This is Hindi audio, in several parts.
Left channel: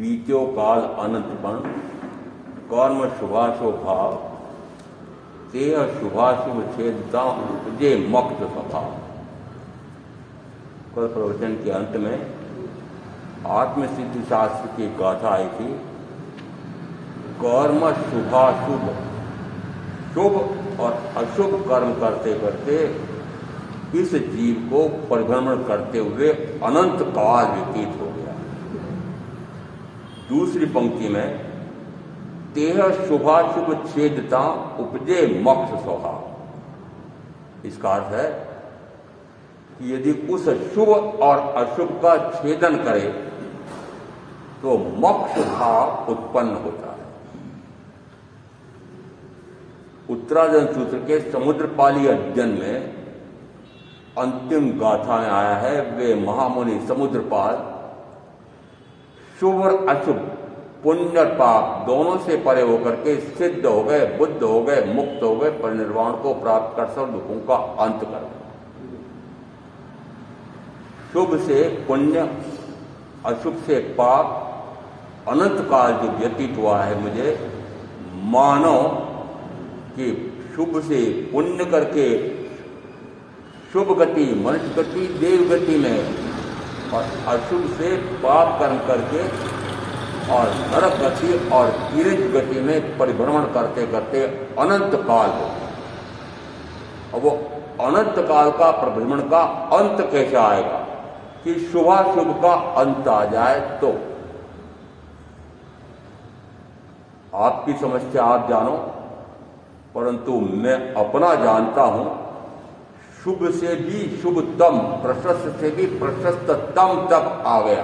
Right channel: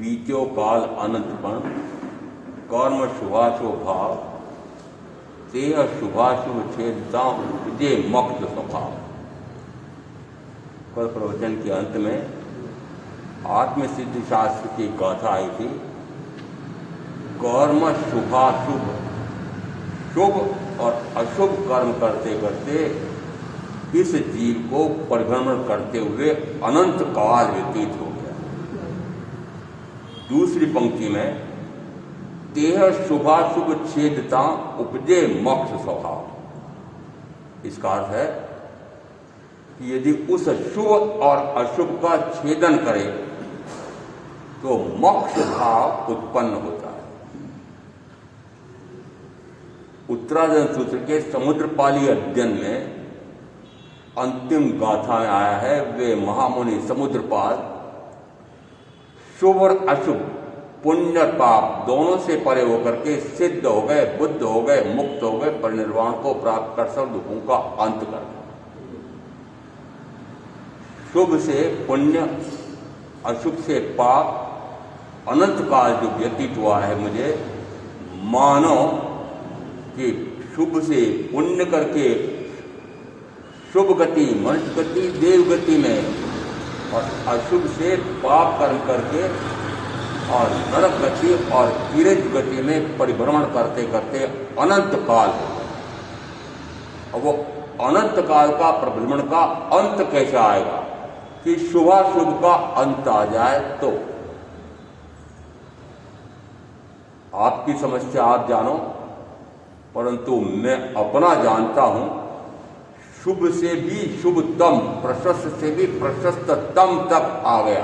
बीत्यो काल अनंतपण कर्म शुभाशुभ भाव तेह शुभाशुभ छेदता जे मुक्त स्वभाव। कल प्रवचन के अंत में आत्मसिद्धि शास्त्र की गाथा आई थी। कर्म शुभाशुभ, शुभ और अशुभ कर्म करते करते इस जीव को परिभ्रमण करते हुए अनंत काल व्यतीत हो गया। दूसरी पंक्ति में तेह शुभाशुभ छेदता उपजे मोक्ष स्वभाव। इसका अर्थ है कि यदि उस शुभ और अशुभ का छेदन करे तो मोक्ष भाव उत्पन्न होता है। उत्तरार्जुन सूत्र के समुद्रपाली अध्ययन में अंतिम गाथा में आया है, वे महामुनि समुद्रपाल शुभ और अशुभ, पुण्य और पाप दोनों से परे होकर के सिद्ध हो गए, बुद्ध हो गए, मुक्त हो गए, परिनिर्वाण को प्राप्त कर सब दुखों का अंत कर गए। शुभ से पुण्य, अशुभ से पाप, अनंत काल जो व्यतीत हुआ है मुझे, मानो कि शुभ से पुण्य करके शुभ गति, मनुष्य गति, देव गति में, और अशुभ से पाप कर्म करके और नरक गति और तिरंज गति में परिभ्रमण करते करते अनंत काल हो गया। अब वो अनंत काल का परिभ्रमण का अंत कैसे आएगा कि शुभाशुभ का अंत आ जाए? तो आपकी समस्या आप जानो, परंतु मैं अपना जानता हूं। शुभ से भी शुभतम, प्रशस्त से भी प्रशस्ततम तक आ गया।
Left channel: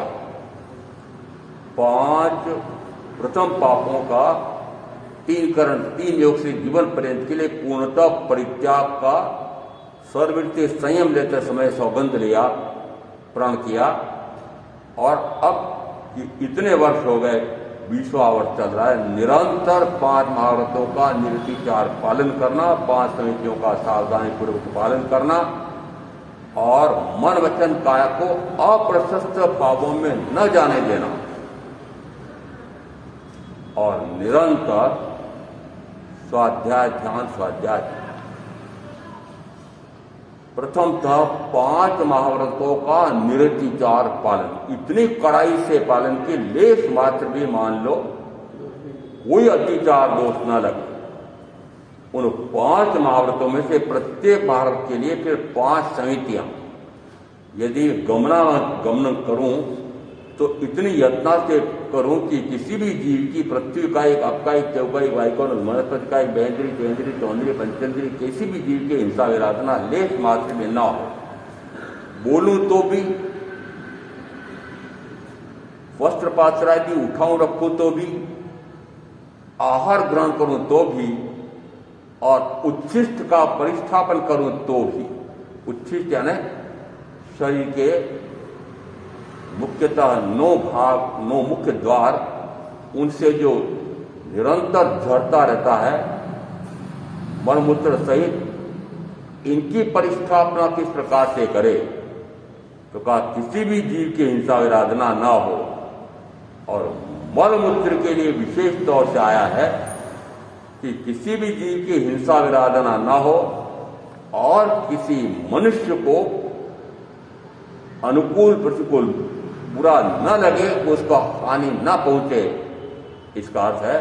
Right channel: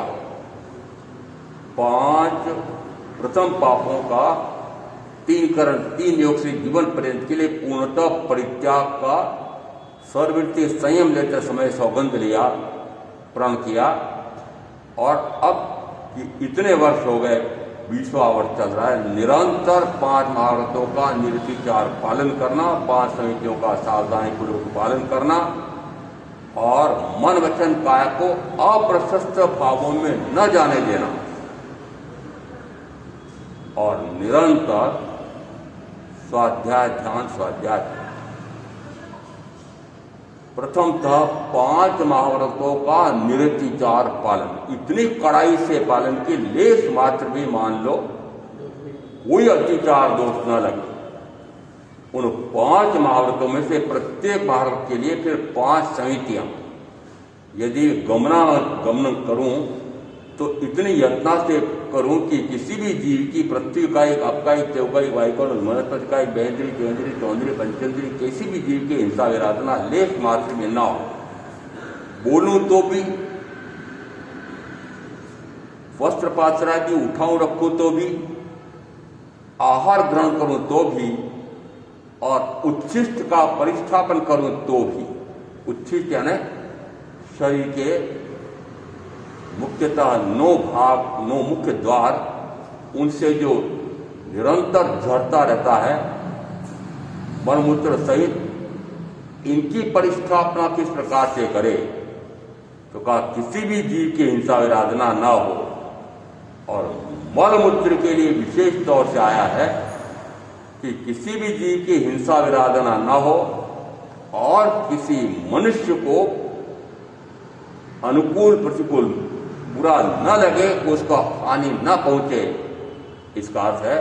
5 प्रथम पापों का 3 योग से जीवन पर्यंत के लिए पूर्णतः परित्याग का सर्ववृत्ति संयम लेते समय सौगंध लिया, प्रण किया, और अब इतने वर्ष हो गए, 20वां वर्ष चल रहा है, निरंतर 5 महाव्रतों का निर्विचार पालन करना, 5 समितियों का सावधानी पूर्वक पालन करना, और मन वचन काया को अप्रशस्त भावों में न जाने देना, और निरंतर स्वाध्याय ध्यान, स्वाध्याय। प्रथमतः 5 महाव्रतों का निरतिचार पालन, इतनी कड़ाई से पालन कि लेश मात्र भी मान लो कोई अतिचार दोष न लगे। उन 5 महाव्रतों में से प्रत्येक महाव्रत के लिए फिर 5 समितियां यदि गमन करूं तो इतनी यत्ना से करूं कि किसी भी जीव की पृथ्वी का एक, आपका एक, चौकाई, वायुकोण, वनस्पति का एक, बेंद्री, चेंद्री, चौंद्री, पंचेंद्री, किसी भी जीव के हिंसा विराधना लेश मात्र में न हो। बोलूं तो भी, वस्त्र पात्रादि उठाऊं रखूं तो भी, आहार ग्रहण करूं तो भी, और उच्छिष्ट का परिस्थापन करूं तो भी। उच्छिष्ट यानी शरीर के मुख्यतः 9 मुख्य द्वार, उनसे जो निरंतर झरता रहता है मलमूत्र सहित, इनकी परिस्थापना किस प्रकार से करे? तो कहा किसी भी जीव की हिंसा विराधना ना हो। और मलमूत्र के लिए विशेष तौर से आया है कि किसी भी जीव की हिंसा विराधना ना हो, और किसी मनुष्य को अनुकूल प्रतिकूल बुरा न लगे, उसको हानि न पहुंचे। इसका अर्थ है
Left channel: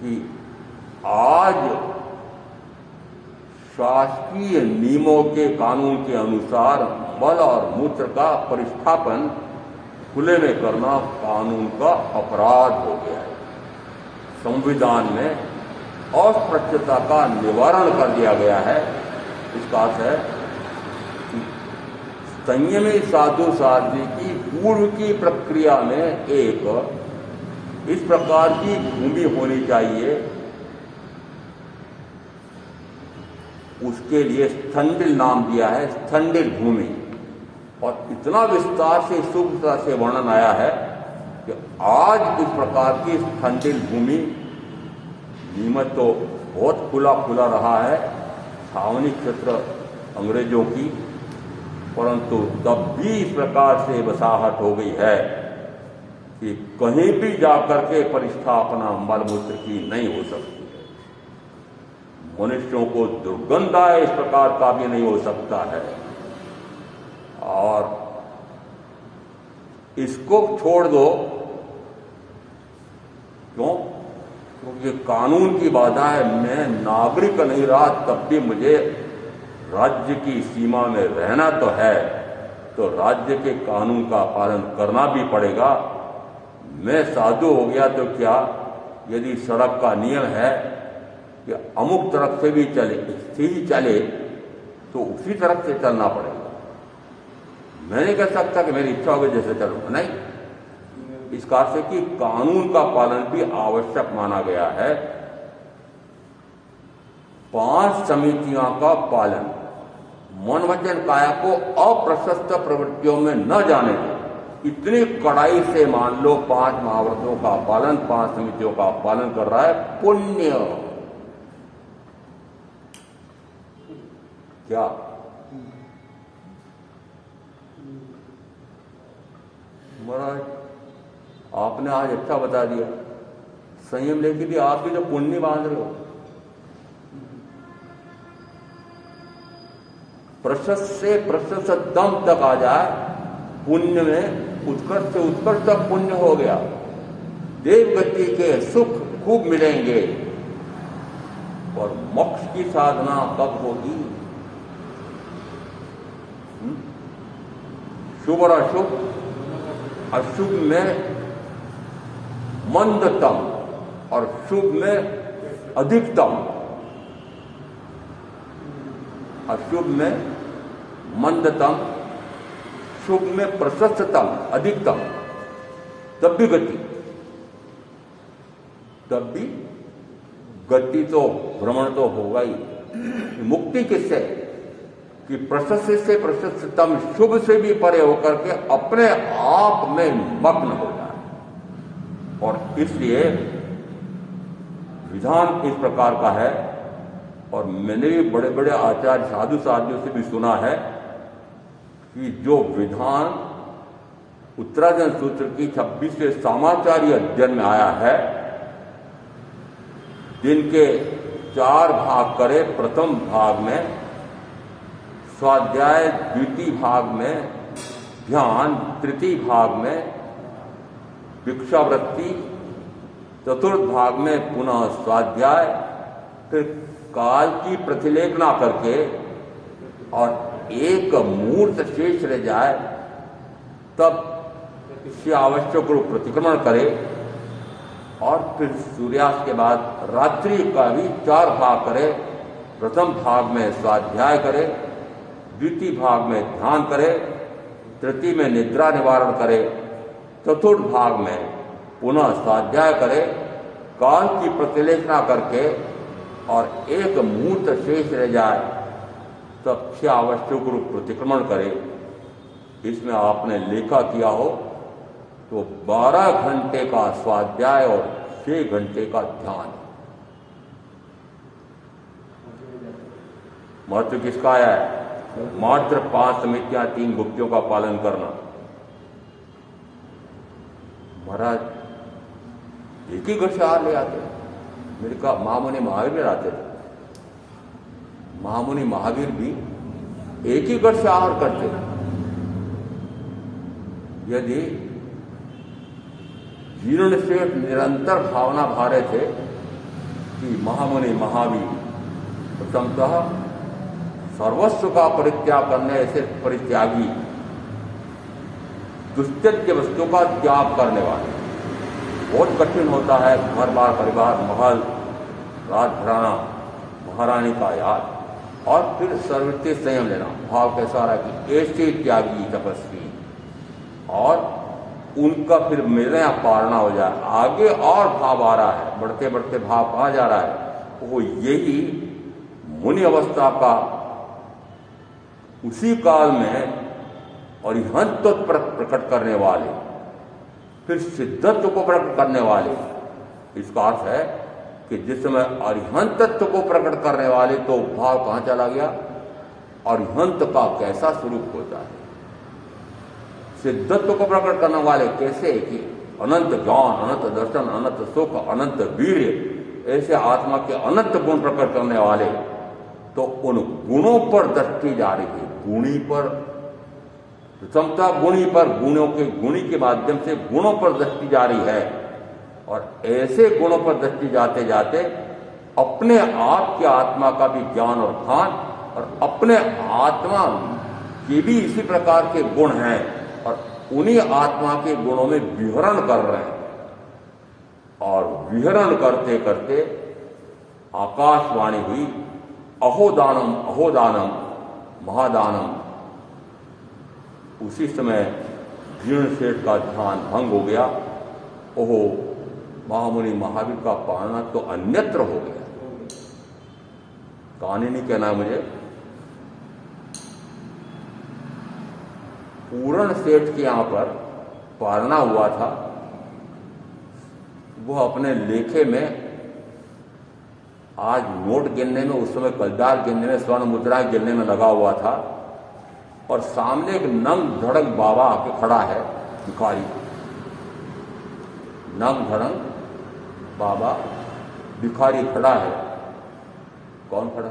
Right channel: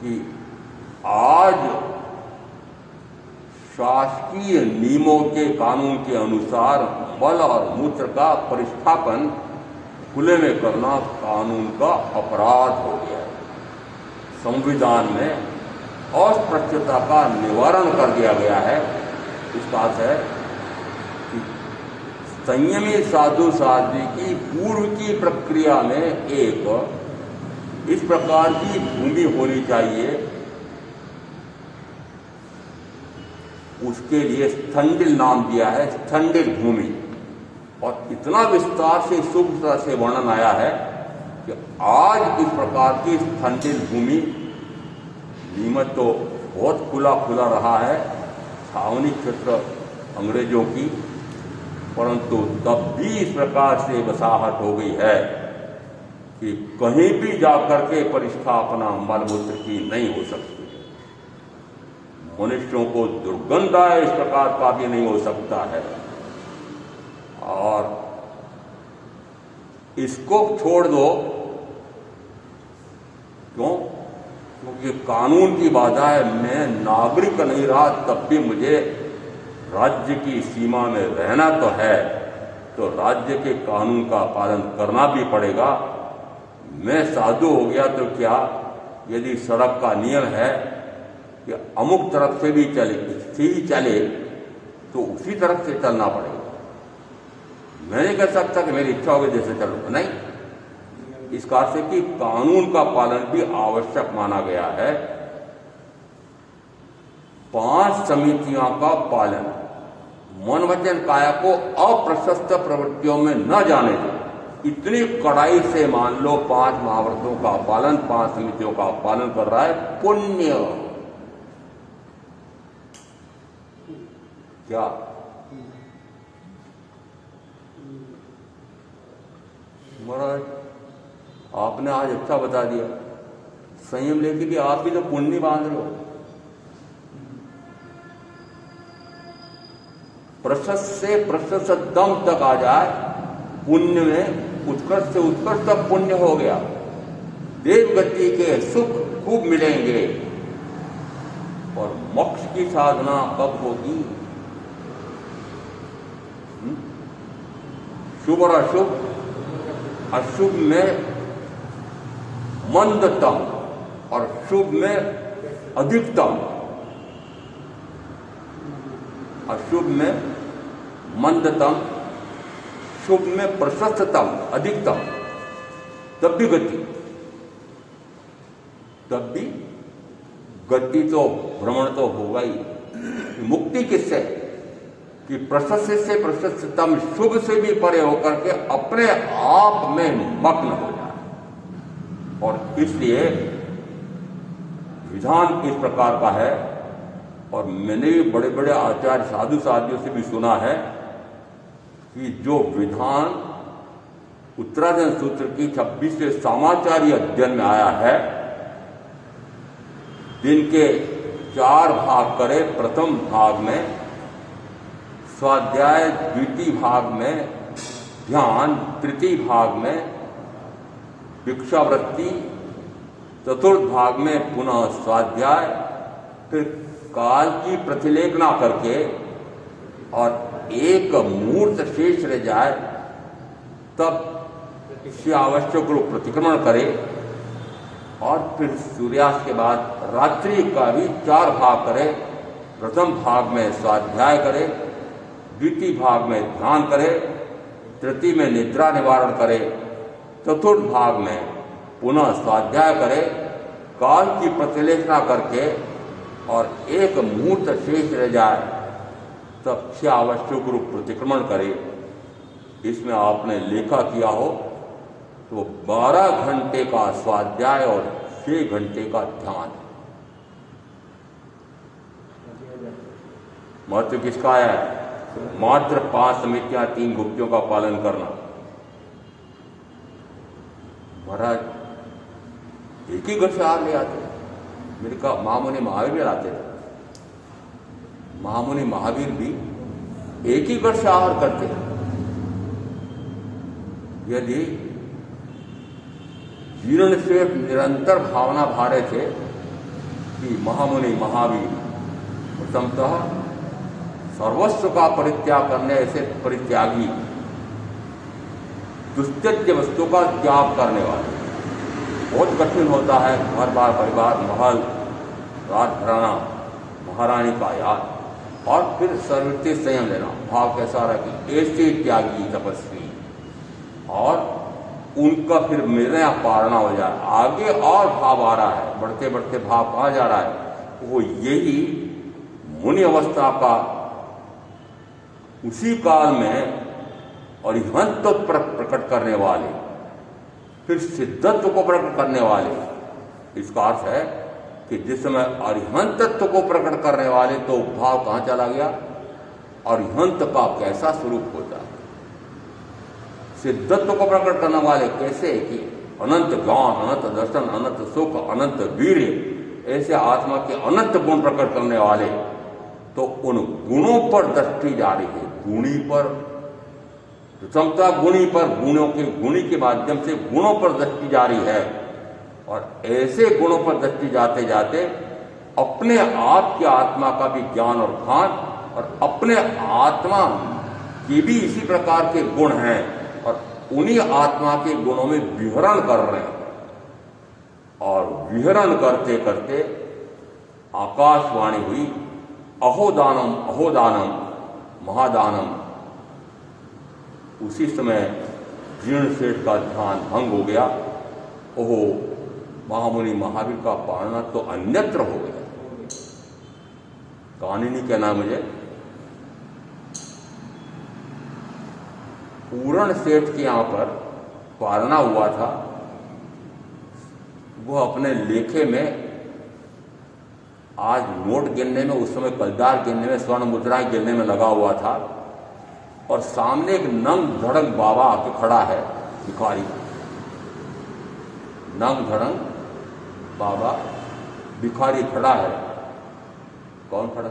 कि आज शासकीय नियमों के कानून के अनुसार मल और मूत्र का परिस्थापन खुले में करना कानून का अपराध हो गया है। संविधान में अस्पृश्यता का निवारण कर दिया गया है। इसका अर्थ है कि संयमी साधु साध्वी की पूर्व की प्रक्रिया में एक इस प्रकार की भूमि होनी चाहिए, उसके लिए स्थंडिल नाम दिया है, स्थंडिल भूमि। और इतना विस्तार से सूक्ष्मता से वर्णन आया है कि आज इस प्रकार की स्थंडिल भूमि नीमत तो बहुत खुला खुला रहा है, छावनी क्षेत्र अंग्रेजों की, परंतु तब भी इस प्रकार से बसाहट हो गई है कि कहीं भी जाकर के परिस्थापना मलमूत्र की नहीं हो सकती। मनुष्यों को दुर्गंध आए इस प्रकार का भी नहीं हो सकता है। और इसको छोड़ दो, क्यों? क्योंकि कानून की बाधा है। मैं नागरिक नहीं रहा तब भी मुझे राज्य की सीमा में रहना तो है, तो राज्य के कानून का पालन करना भी पड़ेगा। मैं साधु हो गया तो क्या, यदि सड़क का नियम है कि अमुक तरफ से भी चले तो उसी तरफ से चलना पड़ेगा। मैं नहीं कह सकता कि मेरी इच्छा होगी जैसे चलूंगा, नहीं। इस कारण से कि कानून का पालन भी आवश्यक माना गया है। 5 समितियों का पालन, मन वचन काया को अप्रशस्त प्रवृत्तियों में न जाने दें। इतनी कड़ाई से मान लो 5 महाव्रतों का पालन, 5 समितियों का पालन कर रहा है, पुण्य। क्या महाराज आपने आज अच्छा बता दिया, संयम लेके भी आप भी तो पुण्य बांध रहे हो। प्रशस्त से प्रशस्तम तक आ जाए, पुण्य में उत्कर्ष से उत्कर्ष तक पुण्य हो गया। देवगति के सुख खूब मिलेंगे। और मोक्ष की साधना कब होगी? शुभ और अशुभ, अशुभ में मंदतम और शुभ में अधिकतम, अशुभ में मंदतम, शुभ में प्रशस्ततम, अधिकतम, तब भी गति तो भ्रमण तो होगा ही। मुक्ति किससे? कि प्रशस्त से प्रशस्ततम, शुभ से भी परे होकर के अपने आप में मग्न हो जाए। और इसलिए विधान इस प्रकार का है। और मैंने बड़े बड़े आचार्य साधु साधियों से भी सुना है कि जो विधान उत्तराधन सूत्र की 26वें सामाचार्य अध्ययन में आया है, जिनके 4 भाग करे, प्रथम भाग में स्वाध्याय, द्वितीय भाग में ध्यान, तृतीय भाग में भिक्षावृत्ति, चतुर्थ भाग में पुनः स्वाध्याय, फिर काल की प्रतिलेखना करके और एक मूर्त शेष रह जाए तब इससे आवश्यक रूप प्रतिक्रमण करे। और फिर सूर्यास्त के बाद रात्रि का भी 4 भाग करे। प्रथम भाग में स्वाध्याय करे, द्वितीय भाग में ध्यान करे, तृतीय में निद्रा निवारण करे, चतुर्थ भाग में पुनः स्वाध्याय करे, काल की प्रतिलेखना करके और एक मुहूर्त शेष रह जाए तब 6 आवश्यक रूप प्रतिक्रमण करे। इसमें आपने लेखा किया हो तो 12 घंटे का स्वाध्याय और 6 घंटे का ध्यान। महत्व किसका आया है? मात्र 5 समितियां, 3 गुप्तियों का पालन करना। महाराज एक ही घर से आहार ले आते, मेरे का महामुनि महावीर भी आते थे। महामुनि महावीर भी एक ही घर से आहार करते। यदि जीर्ण से निरंतर भावना भारे थे कि महामुनि महावीर प्रथमतः सर्वस्व का परित्याग करने ऐसे परित्यागी, दुस्त्यज्य वस्तु का त्याग करने वाले। बहुत कठिन होता है घर बार परिवार, महल, राज घराना, महारानी का याद, और फिर सर्वत्र संयम लेना। भाव कैसा रहा कि ऐसे त्यागी तपस्वी, और उनका फिर मिलना पारना हो जाए। आगे और भाव आ रहा है, बढ़ते बढ़ते भाव कहाँ जा रहा है? वो यही मुनि अवस्था का उसी काल में अरिहंत प्रकट करने वाले, फिर सिद्धत्व को प्रकट करने वाले। इसका अर्थ है कि जिस समय अरिहंत तत्व को प्रकट करने वाले तो भाव कहाँ चला गया? अरिहंत का कैसा स्वरूप होता है? सिद्धत्व को प्रकट करने वाले कैसे कि अनंत ज्ञान, अनंत दर्शन, अनंत सुख, अनंत वीर्य, ऐसे आत्मा के अनंत गुण प्रकट करने वाले। तो उन गुणों पर दृष्टि जा रही है, गुणी पर, प्रथमता गुणी पर, गुणी के माध्यम से गुणों पर दृष्टि जा रही है। और ऐसे गुणों पर दृष्टि जाते जाते अपने आप की आत्मा का भी ज्ञान और भान, और अपने आत्मा के भी इसी प्रकार के गुण हैं, और उन्हीं आत्मा के गुणों में विहरण कर रहे हैं। और विहरण करते करते आकाशवाणी हुई, अहोदानम अहोदानम महादानम। उसी समय जीर्णसेठ का ध्यान भंग हो गया। ओहो, महामुनि महावीर का पालना तो अन्यत्र हो गया। कहानी नहीं कहना मुझे। पूर्ण सेठ के यहां पर पालना हुआ था। वो अपने लेखे में आज नोट गिनने में, उस समय कलदार गिनने में, स्वर्ण मुद्राएं गिनने में लगा हुआ था। और सामने एक नंग धड़ंग बाबा आके खड़ा है, भिखारी। नंग धड़ंग बाबा भिखारी खड़ा है। कौन खड़ा?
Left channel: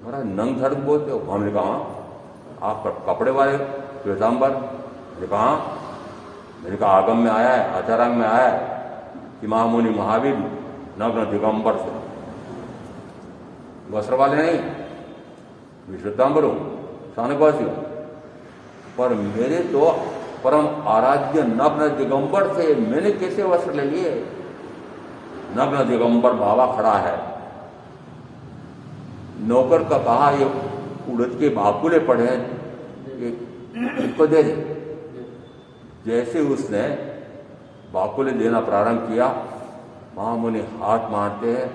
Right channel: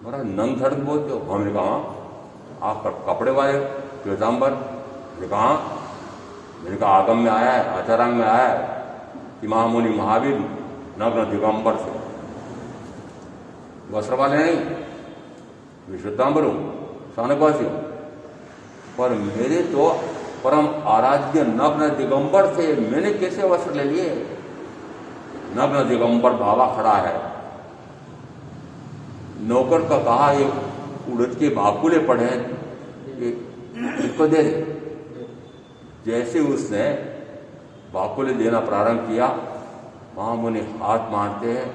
मेरा नंग धड़ंग बोलते हो? हमने कहा आप कपड़े वाले श्वेतांबर? कहा मैंने कहा आगम में आया है, आचारांग में आया है कि महामुनि महावीर नग्न दिगंबर से। वस्त्र वाले नहीं, मैं श्वेतांबर हूं, शानकवासी हूं, पर मेरे तो परम आराध्य नग्न दिगंबर से मैंने कैसे वस्त्र ले लिए? नग्न दिगंबर बाबा खड़ा है। नौकर का कहा ये उड़द के भाकुले पड़े हैं, इसको दे दे। जैसे उसने बाकुले देना प्रारंभ किया, महामुनि हाथ मारते हैं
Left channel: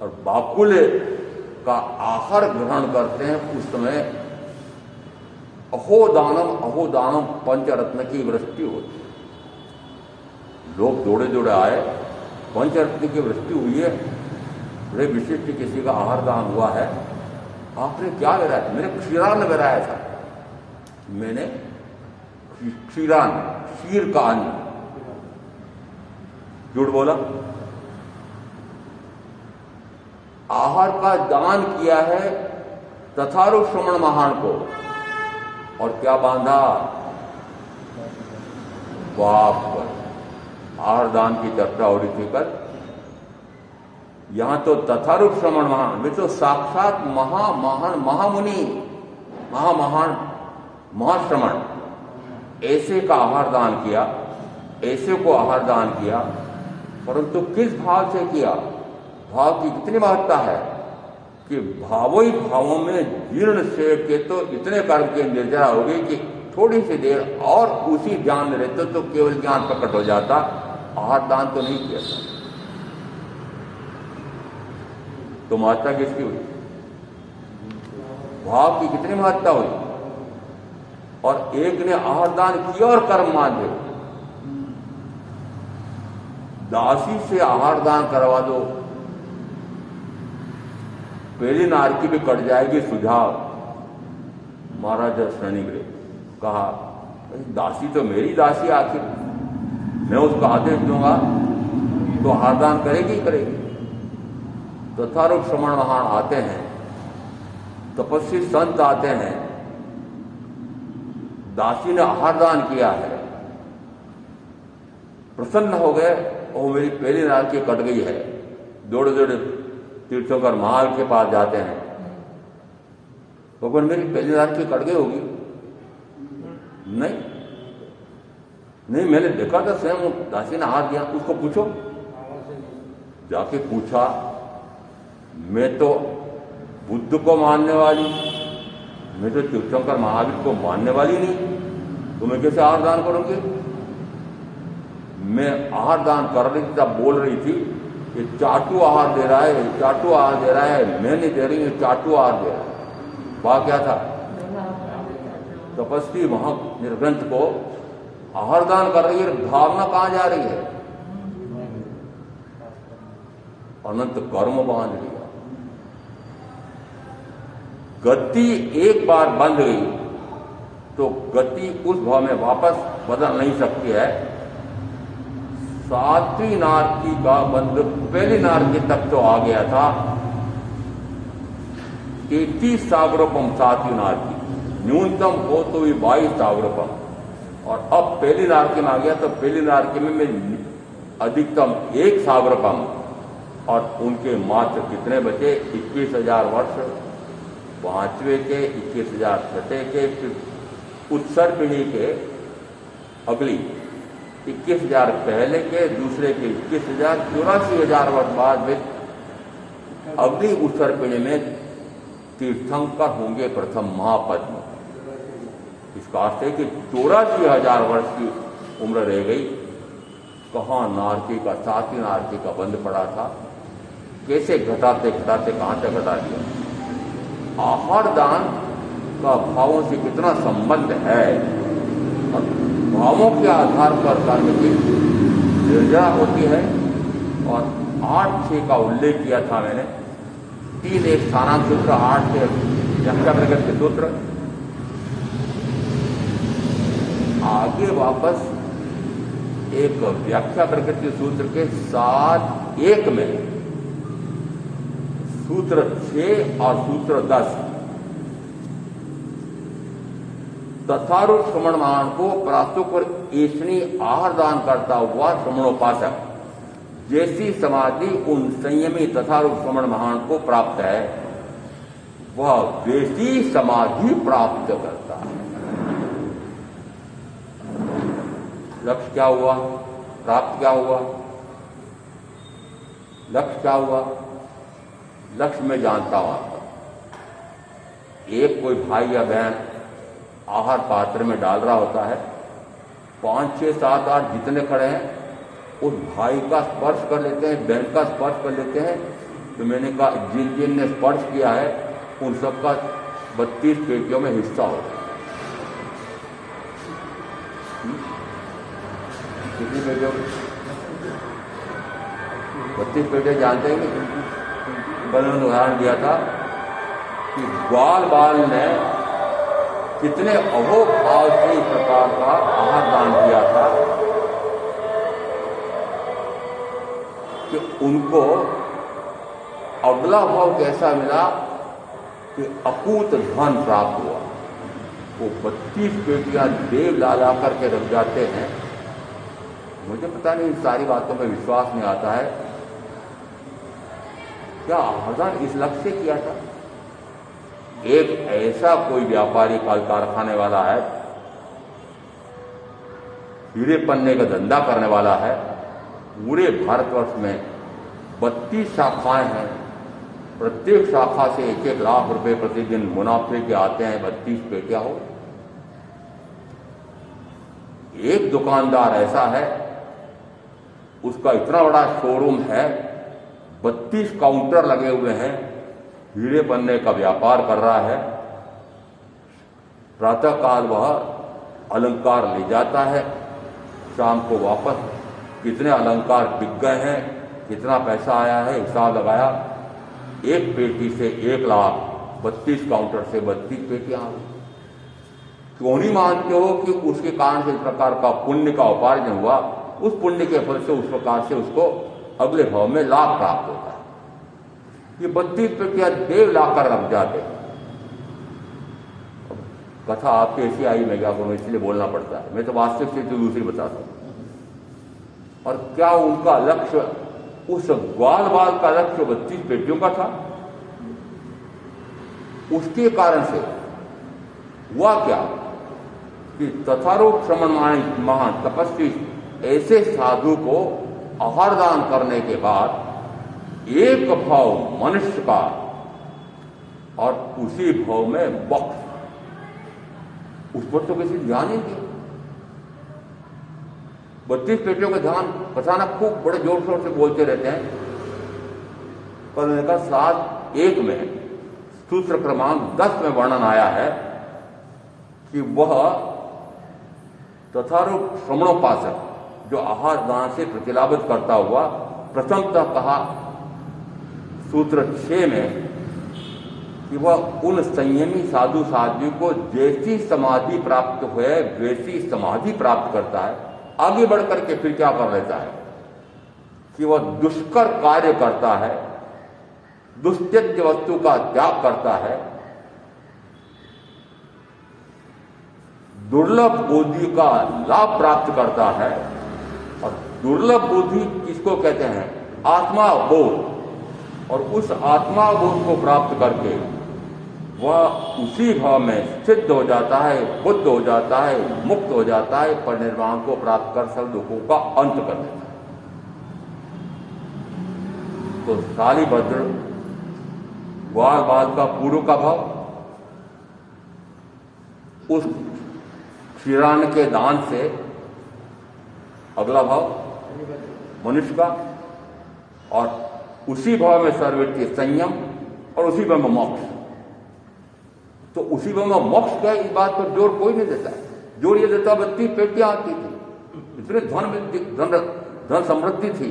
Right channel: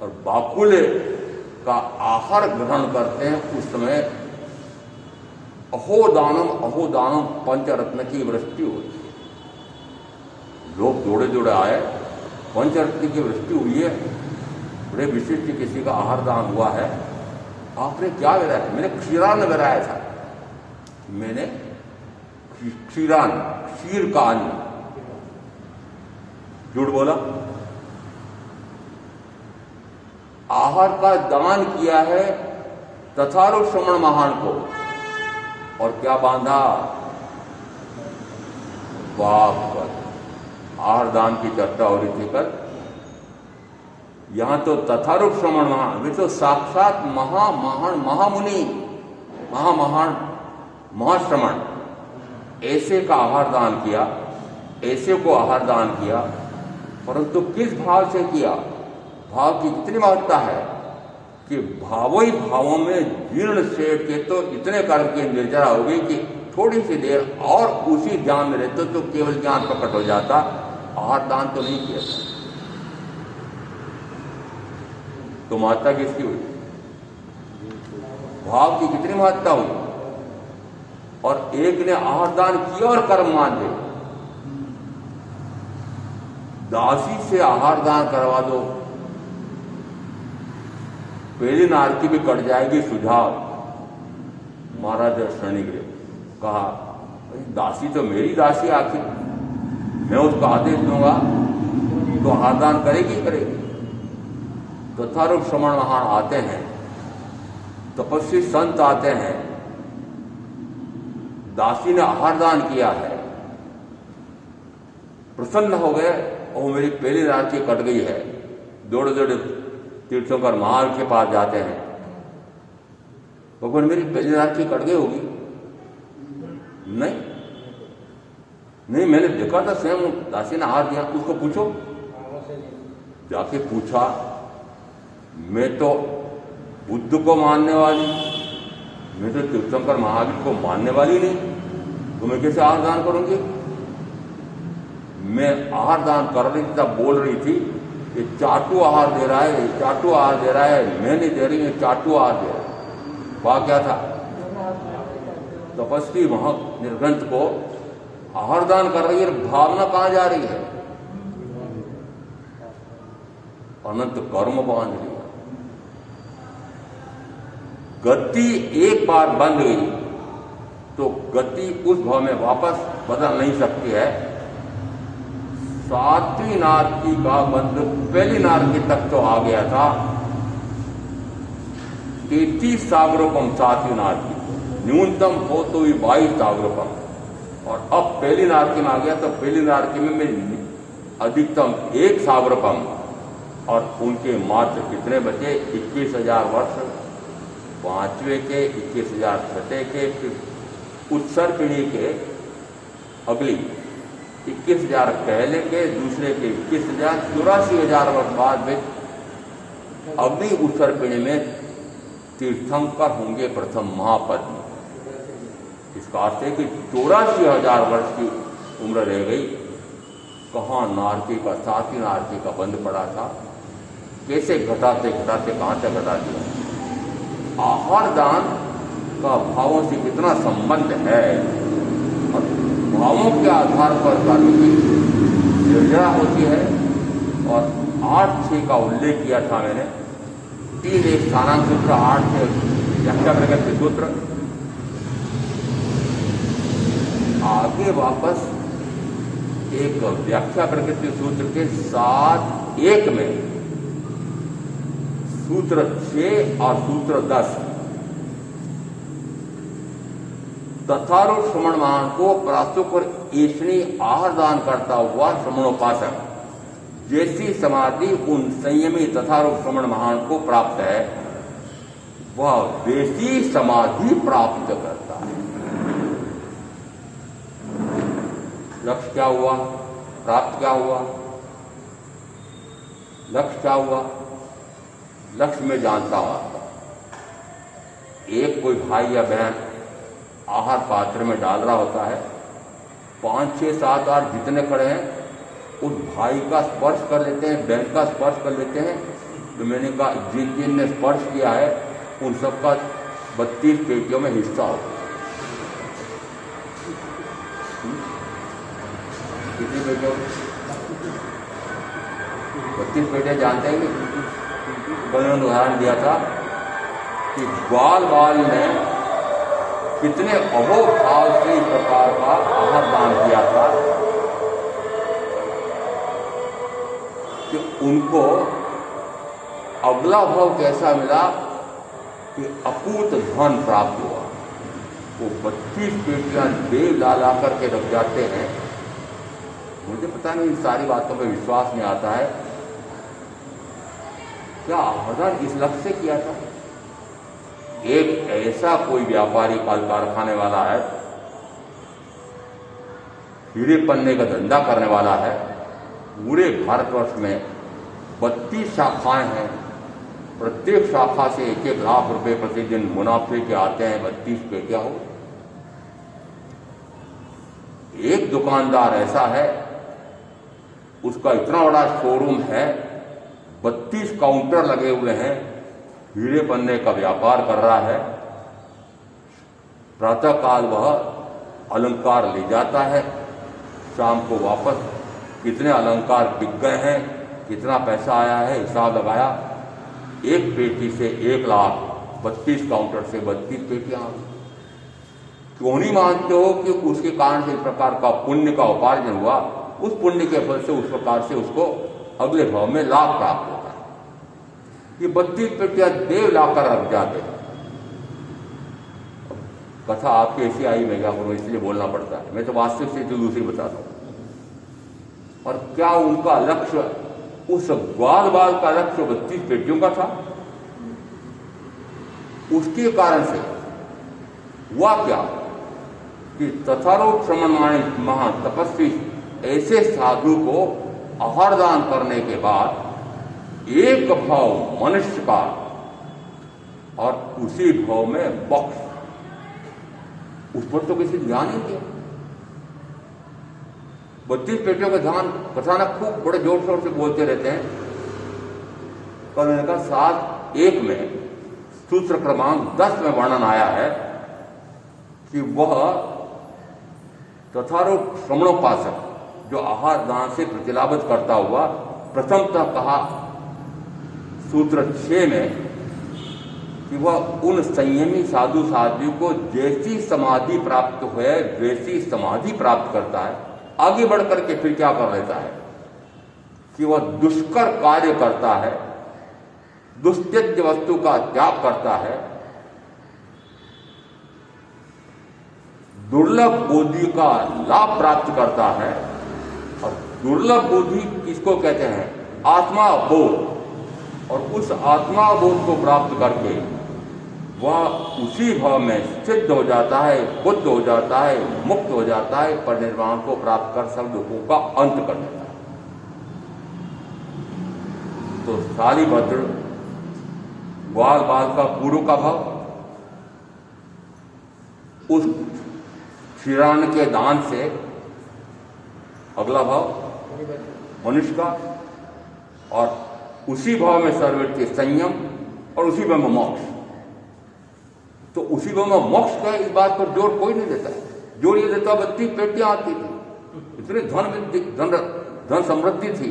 और बाकुले का आहार ग्रहण करते हैं। उस समय अहोदानम पंचरत्न की वृष्टि होती है। लोग जोड़े जोड़े आए, पंचरत्न की वृष्टि हुई है, बड़े विशिष्ट किसी का आहार दान हुआ है। आपने क्या गिराया? मैंने क्षीरान्न गिराया था। मैंने क्षीरान्न, क्षीर का अन्न। झूठ बोला। आहार का दान किया है तथारु श्रमण महान को। और क्या बांधा? बाप पर। आहार दान की चर्चा हो रही थी कल। यहां तो तथारूप श्रमण महान, वे तो साक्षात महामुनि, महामहान महाश्रमण, ऐसे का आहार दान किया, ऐसे को आहार दान किया। परंतु किस भाव से किया? भाव की कितनी महत्ता है कि भावों ही भावों में जीर्ण सेठ के तो इतने कर्म की निर्जरा हो गई कि थोड़ी सी देर और उसी ध्यान में रहते तो केवल ज्ञान प्रकट हो जाता। आहार दान तो नहीं किया। तो महत्ता किसकी हुई? भाव की कितनी महत्ता हुई। और एक ने आहार दान किया और कर्म मान दे। दासी से आहार दान करवा दो, पहली नारकी भी कट जाएगी। सुझाव महाराज श्रेणीग्रे कहा, दासी तो मेरी दासी, आखिर मैं उसको आदेश दूंगा तो आहार दान करेगी करेगी। तो तथारूप श्रमण महान आते हैं, तपस्वी संत आते हैं, दासी ने आहार दान किया है, प्रसन्न हो गए। और मेरी पहली नारकी कट गई है। दौड़े दौड़े तीर्थंकर महान के पास जाते हैं। भगवान मेरी पहली नारकी कट गई होगी? नहीं, मैंने देखा था स्वयं दासी ने हाथ दिया। उसको पूछो। जाके पूछा, मैं तो बुद्ध को मानने वाली, मैं तो तीर्थंकर महावीर को मानने वाली नहीं, तो मैं कैसे आहार दान करूंगी? मैं आहार दान कर रही थी, तब बोल रही थी ये चाटू आहार दे रहा है, ये चाटू आहार दे रहा है, मैं नहीं दे रही, ये चाटू आहार दे रहा है। वह क्या था? तपस्वी वहां निर्ग्रंथ को आहार दान कर रही है, भावना कहां जा रही है? अनंत कर्म बांध लिया। गति एक बार बंद गई तो गति उस भाव में वापस बदल नहीं सकती है। सातवीं नारकी का बंध पहली नारकी तक तो आ गया था। 33 सागरोपम सातवीं नारकी, न्यूनतम हो तो भी 22 सागरोपम। और अब पहली नारकी में आ गया तो पहली नारकी में मैं अधिकतम 1 सागरोपम। और उनके मात्र कितने बचे? 21,000 वर्ष, 5वें के, 21,000 छठे के, फिर उत्तर पीढ़ी के अगली 21,000 पहले के, दूसरे के 21,000, 84,000 वर्ष बाद में अगली उत्तर पीढ़ी में तीर्थंकर होंगे प्रथम महापद में। इसका अर्थ है कि 84,000 वर्ष की उम्र रह गई। कहाँ नारकी का, साथी नारकी का बंद पड़ा था, कैसे घटाते घटाते कहाँ तक घटा दिया। आहार दान का भावों से कितना संबंध है और भावों के आधार पर कर्म की निर्जरा होती है। और 8-6 का उल्लेख किया था मैंने, 3 एक स्थानांक सूत्र, 8 से व्याख्या प्रकृति सूत्र। आगे वापस एक व्याख्या प्रकृति सूत्र के 7-1 में सूत्र 6 और सूत्र 10 तथारूढ़ श्रवणमान को प्रास्तुक और ऐष्णी आहार दान करता हुआ श्रवणोपासक जैसी समाधि उन संयमी तथारूढ़ श्रवण महान को प्राप्त है, वह वैसी समाधि प्राप्त करता है। लक्ष्य क्या हुआ, प्राप्त क्या हुआ? लक्ष्य क्या हुआ? लक्ष्य में जानता हूं आपको, एक कोई भाई या बहन आहार पात्र में डाल रहा होता है, 5, 6, 7, 8 जितने खड़े हैं उस भाई का स्पर्श कर लेते हैं, बहन का स्पर्श कर लेते हैं। तो मैंने कहा जिन जिन ने स्पर्श किया है उन सबका 32 पेटियों में हिस्सा होगा। कितनी पेटियों? 32 पेटियां जानते हैं नहीं? कल मैंने उदाहरण दिया था कि ग्वाल बाल ने कितने अहोभाव से इस प्रकार का आहार दान किया था कि उनको अगला भाव कैसा मिला कि अकूत धन प्राप्त हुआ। वो 32 पेटियां देव ला करके रख जाते हैं। मुझे पता नहीं, इन सारी बातों पर विश्वास नहीं आता है। क्या आहार इस लक्ष्य से किया था? एक ऐसा कोई व्यापारी कारखाने वाला है, हीरे पन्ने का धंधा करने वाला है, पूरे भारतवर्ष में 32 शाखाएं हैं, प्रत्येक शाखा से 1-1 लाख रुपए प्रतिदिन मुनाफे के आते हैं। 32 पेटियां हो। एक दुकानदार ऐसा है, उसका इतना बड़ा शोरूम है, 32 काउंटर लगे हुए हैं, हीरे पन्ने का व्यापार कर रहा है। प्रातःकाल वह अलंकार ले जाता है, शाम को वापस कितने अलंकार बिक गए हैं, कितना पैसा आया है, हिसाब लगाया। एक पेटी से 1 लाख, 32 काउंटर से 32 पेटियां आ गई। क्यों नहीं मानते हो कि उसके कारण से इस प्रकार का पुण्य का उपार्जन हुआ? उस पुण्य के फल से उस प्रकार से उसको अगले भाव में लाभ प्राप्त होता है। ये 32 पेटियां देव लाकर रख जाते हैं। कथा आपकी ऐसी आई, मैं क्या करूं, इसलिए बोलना पड़ता है। मैं तो वास्तविक स्थिति दूसरी बताता हूं। और क्या उनका लक्ष्य, उस ग्वाल बाल का लक्ष्य 32 पेटियों का था? उसके कारण से हुआ क्या कि तथारूढ़ श्रवण महान तपस्वी ऐसे साधु को आहार दान करने के बाद एक भाव मनुष्य का और उसी भाव में बख्श, उस पर तो किसी ध्यान नहीं दिया। 32 पेटियों का ध्यान कथानक खूब बड़े जोर शोर से बोलते रहते हैं। कल मैंने कहा 7-1 में सूत्र क्रमांक 10 में वर्णन आया है कि वह तथारूढ़ श्रवणोपासक जो आहार दान से प्रतिलाभित करता हुआ, प्रथमतः कहा सूत्र 6 में कि वह उन संयमी साधु साध्वी को जैसी समाधि प्राप्त हुए वैसी समाधि प्राप्त करता है। आगे बढ़ करके फिर क्या कर लेता है कि वह दुष्कर कार्य करता है, दुस्त्यज्य वस्तु का त्याग करता है, दुर्लभ बुद्धि का लाभ प्राप्त करता है। और दुर्लभ बुद्धि किसको कहते हैं? आत्मा बोध। और उस आत्मा बोध को प्राप्त करके वह उसी भाव में सिद्ध हो जाता है, बुद्ध हो जाता है, मुक्त हो जाता है, परिनिर्वाण को प्राप्त कर सब दुखों का अंत कर देता है। तो शालिभद्र ग्वाल बाल का पूर्व का भाव, उस क्षीरान के दान से अगला भाव मनुष्य का, और उसी भाव में सर्ववृत्ति संयम, और उसी भाव में मोक्ष। तो उसी भाव में मोक्ष का इस बात पर जोर कोई नहीं देता है। जोर ये देता 32 पेटियां आती थी, इतने धन समृद्धि थी,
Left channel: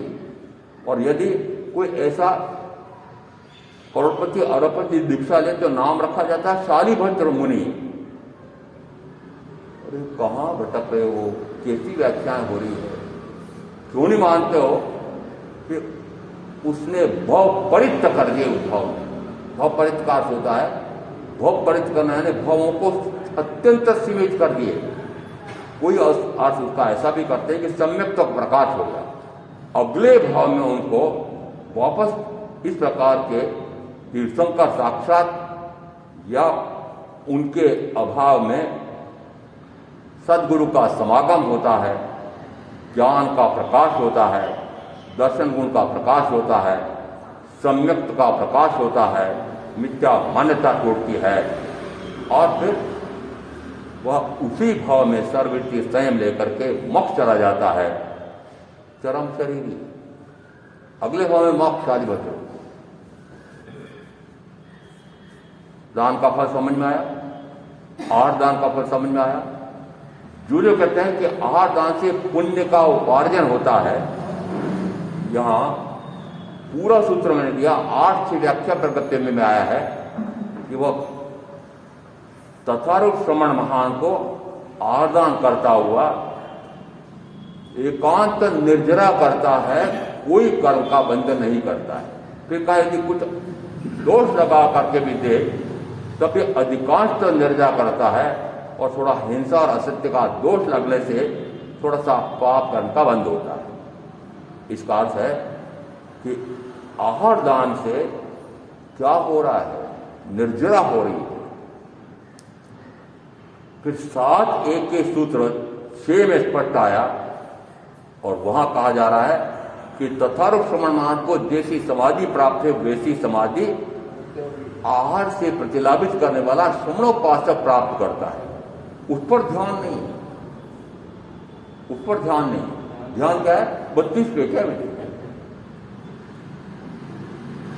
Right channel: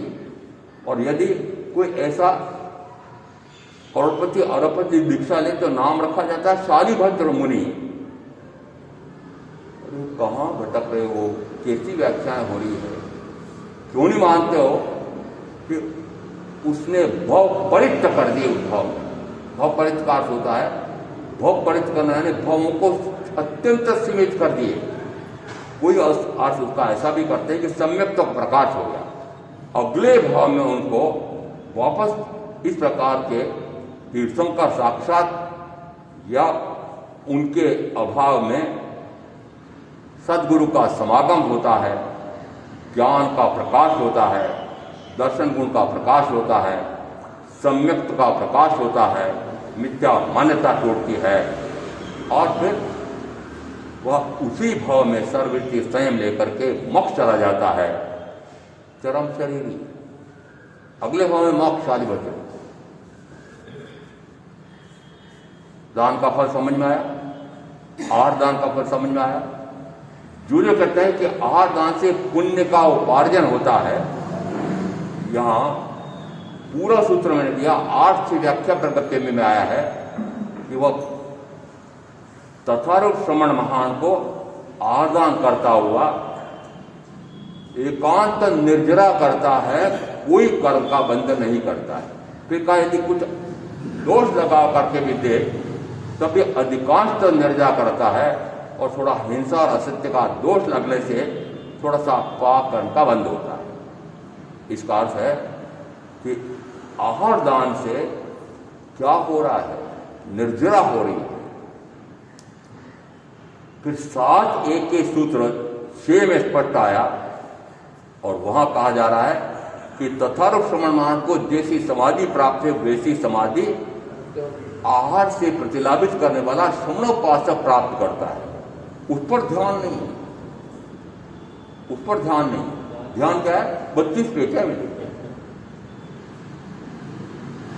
और यदि कोई ऐसा करोड़पति अरबपति दीक्षा ले तो नाम रखा जाता है शालिभद्र मुनि। अरे कहाँ भटक रहे हो, कैसी व्याख्याएं हो रही है, क्यों नहीं मानते हो कि उसने भव परित्य कर दिए। उस भाव में भव परित्य का अर्थ होता है, भव परित्य करना यानी भवों को अत्यंत सीमित कर दिए। कोई अर्थ उसका ऐसा भी करते हैं कि सम्यक तो प्रकाश हो गया। अगले भाव में उनको वापस इस प्रकार के तीर्थंकर साक्षात या उनके अभाव में सदगुरु का समागम होता है, ज्ञान का प्रकाश होता है, दर्शन गुण का प्रकाश होता है, सम्यक्त का प्रकाश होता है, मिथ्या मान्यता टूटती है, और फिर वह उसी भाव में सर्ववृत्ति संयम लेकर के मोक्ष चला जाता है, चरम शरीरी। अगले भाव में मोक्ष शालिभद्र। दान का फल समझ में आया, आहार दान का फल समझ में आया। जो कहते हैं कि आहार दान से पुण्य का उपार्जन होता है, यहां पूरा सूत्र मैंने दिया, 8 से व्याख्या प्रगत्य में आया है कि वह तथारूप श्रमण महान को आदान करता हुआ एकांत निर्जरा करता है, कोई कर्म का बंधन नहीं करता है। फिर कहा यदि कुछ दोष लगा करके भी दे तब भी अधिकांश तो निर्जरा करता है, और थोड़ा हिंसा और असत्य का दोष लगने से थोड़ा सा पाप कर्म का बंध होता है। इसका अर्थ है कि आहार दान से क्या हो रहा है, निर्जरा हो रही है। फिर 7:1 के सूत्र 6 में स्पष्ट आया, और वहां कहा जा रहा है कि तथारूप श्रमणमान को जैसी समाधि प्राप्त है वैसी समाधि आहार से प्रतिलाभित करने वाला श्रमणोपासक प्राप्त करता है। उस पर ध्यान नहीं, उस पर ध्यान नहीं। ध्यान क्या है? 32 पेट है,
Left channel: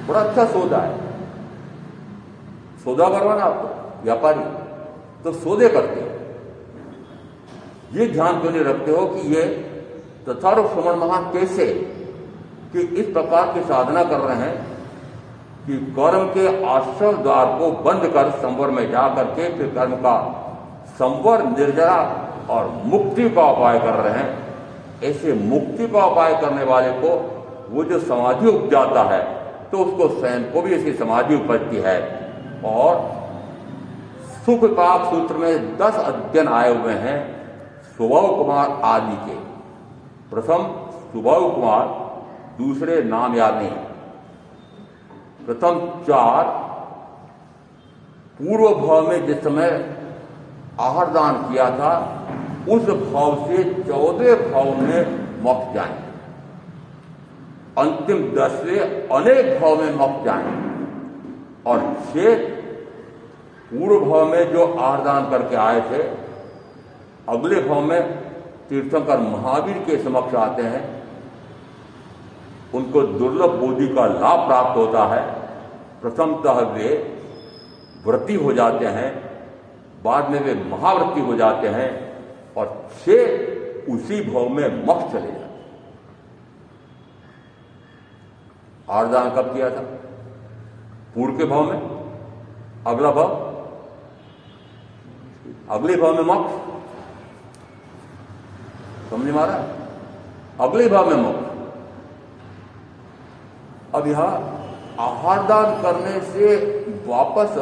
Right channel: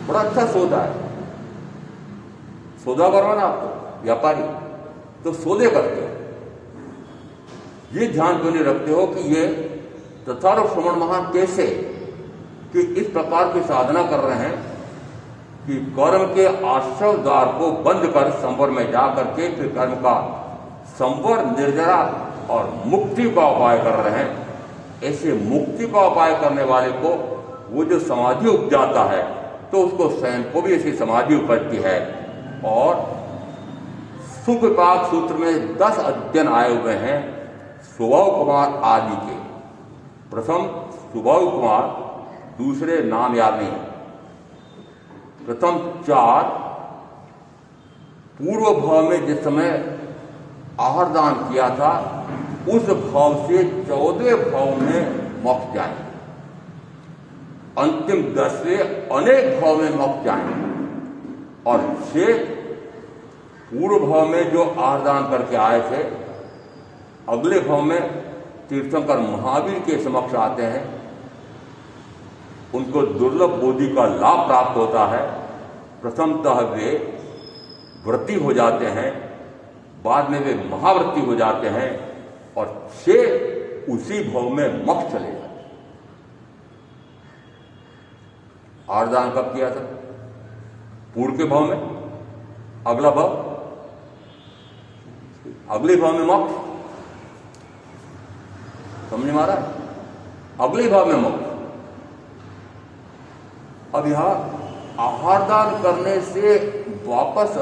बड़ा अच्छा सौदा है। सौदा करवाना आपको व्यापारी तो सौदे करते हैं, ये ध्यान क्यों नहीं रखते हो कि ये तथारूप श्रमण महान कैसे कि इस प्रकार की साधना कर रहे हैं कि कर्म के आश्रय द्वार को बंद कर संवर में जाकर के फिर कर्म का संवर, निर्जरा और मुक्ति का उपाय कर रहे हैं। ऐसे मुक्ति का उपाय करने वाले को वो जो समाधि उपजाता है तो उसको स्वयं को भी ऐसी समाधि उपजती है। और सुख विपाक सूत्र में 10 अध्ययन आए हुए हैं सुबह कुमार आदि के। प्रथम सुबह कुमार, दूसरे नाम याद नहीं, प्रथम 4 पूर्व भाव में जिस समय आहार दान किया था उस भाव से 14 भाव में मोक्ष जाए, अंतिम 10 से अनेक भाव में मोक्ष जाए, और 6 पूर्व भाव में जो आहार दान करके आए थे अगले भाव में तीर्थंकर महावीर के समक्ष आते हैं, उनको दुर्लभ बोधि का लाभ प्राप्त होता है। प्रथमतः वे व्रती हो जाते हैं, बाद में वे महाव्रती हो जाते हैं, और 6 उसी भाव में मोक्ष चले जाते हैं। आहार दान कब किया था? पूर्व के भाव में, अगला भाव, अगले भाव में मोक्ष। समझ में आ रहा है? अगले भाव में मोक्ष। अब यहां आहार दान करने से वापस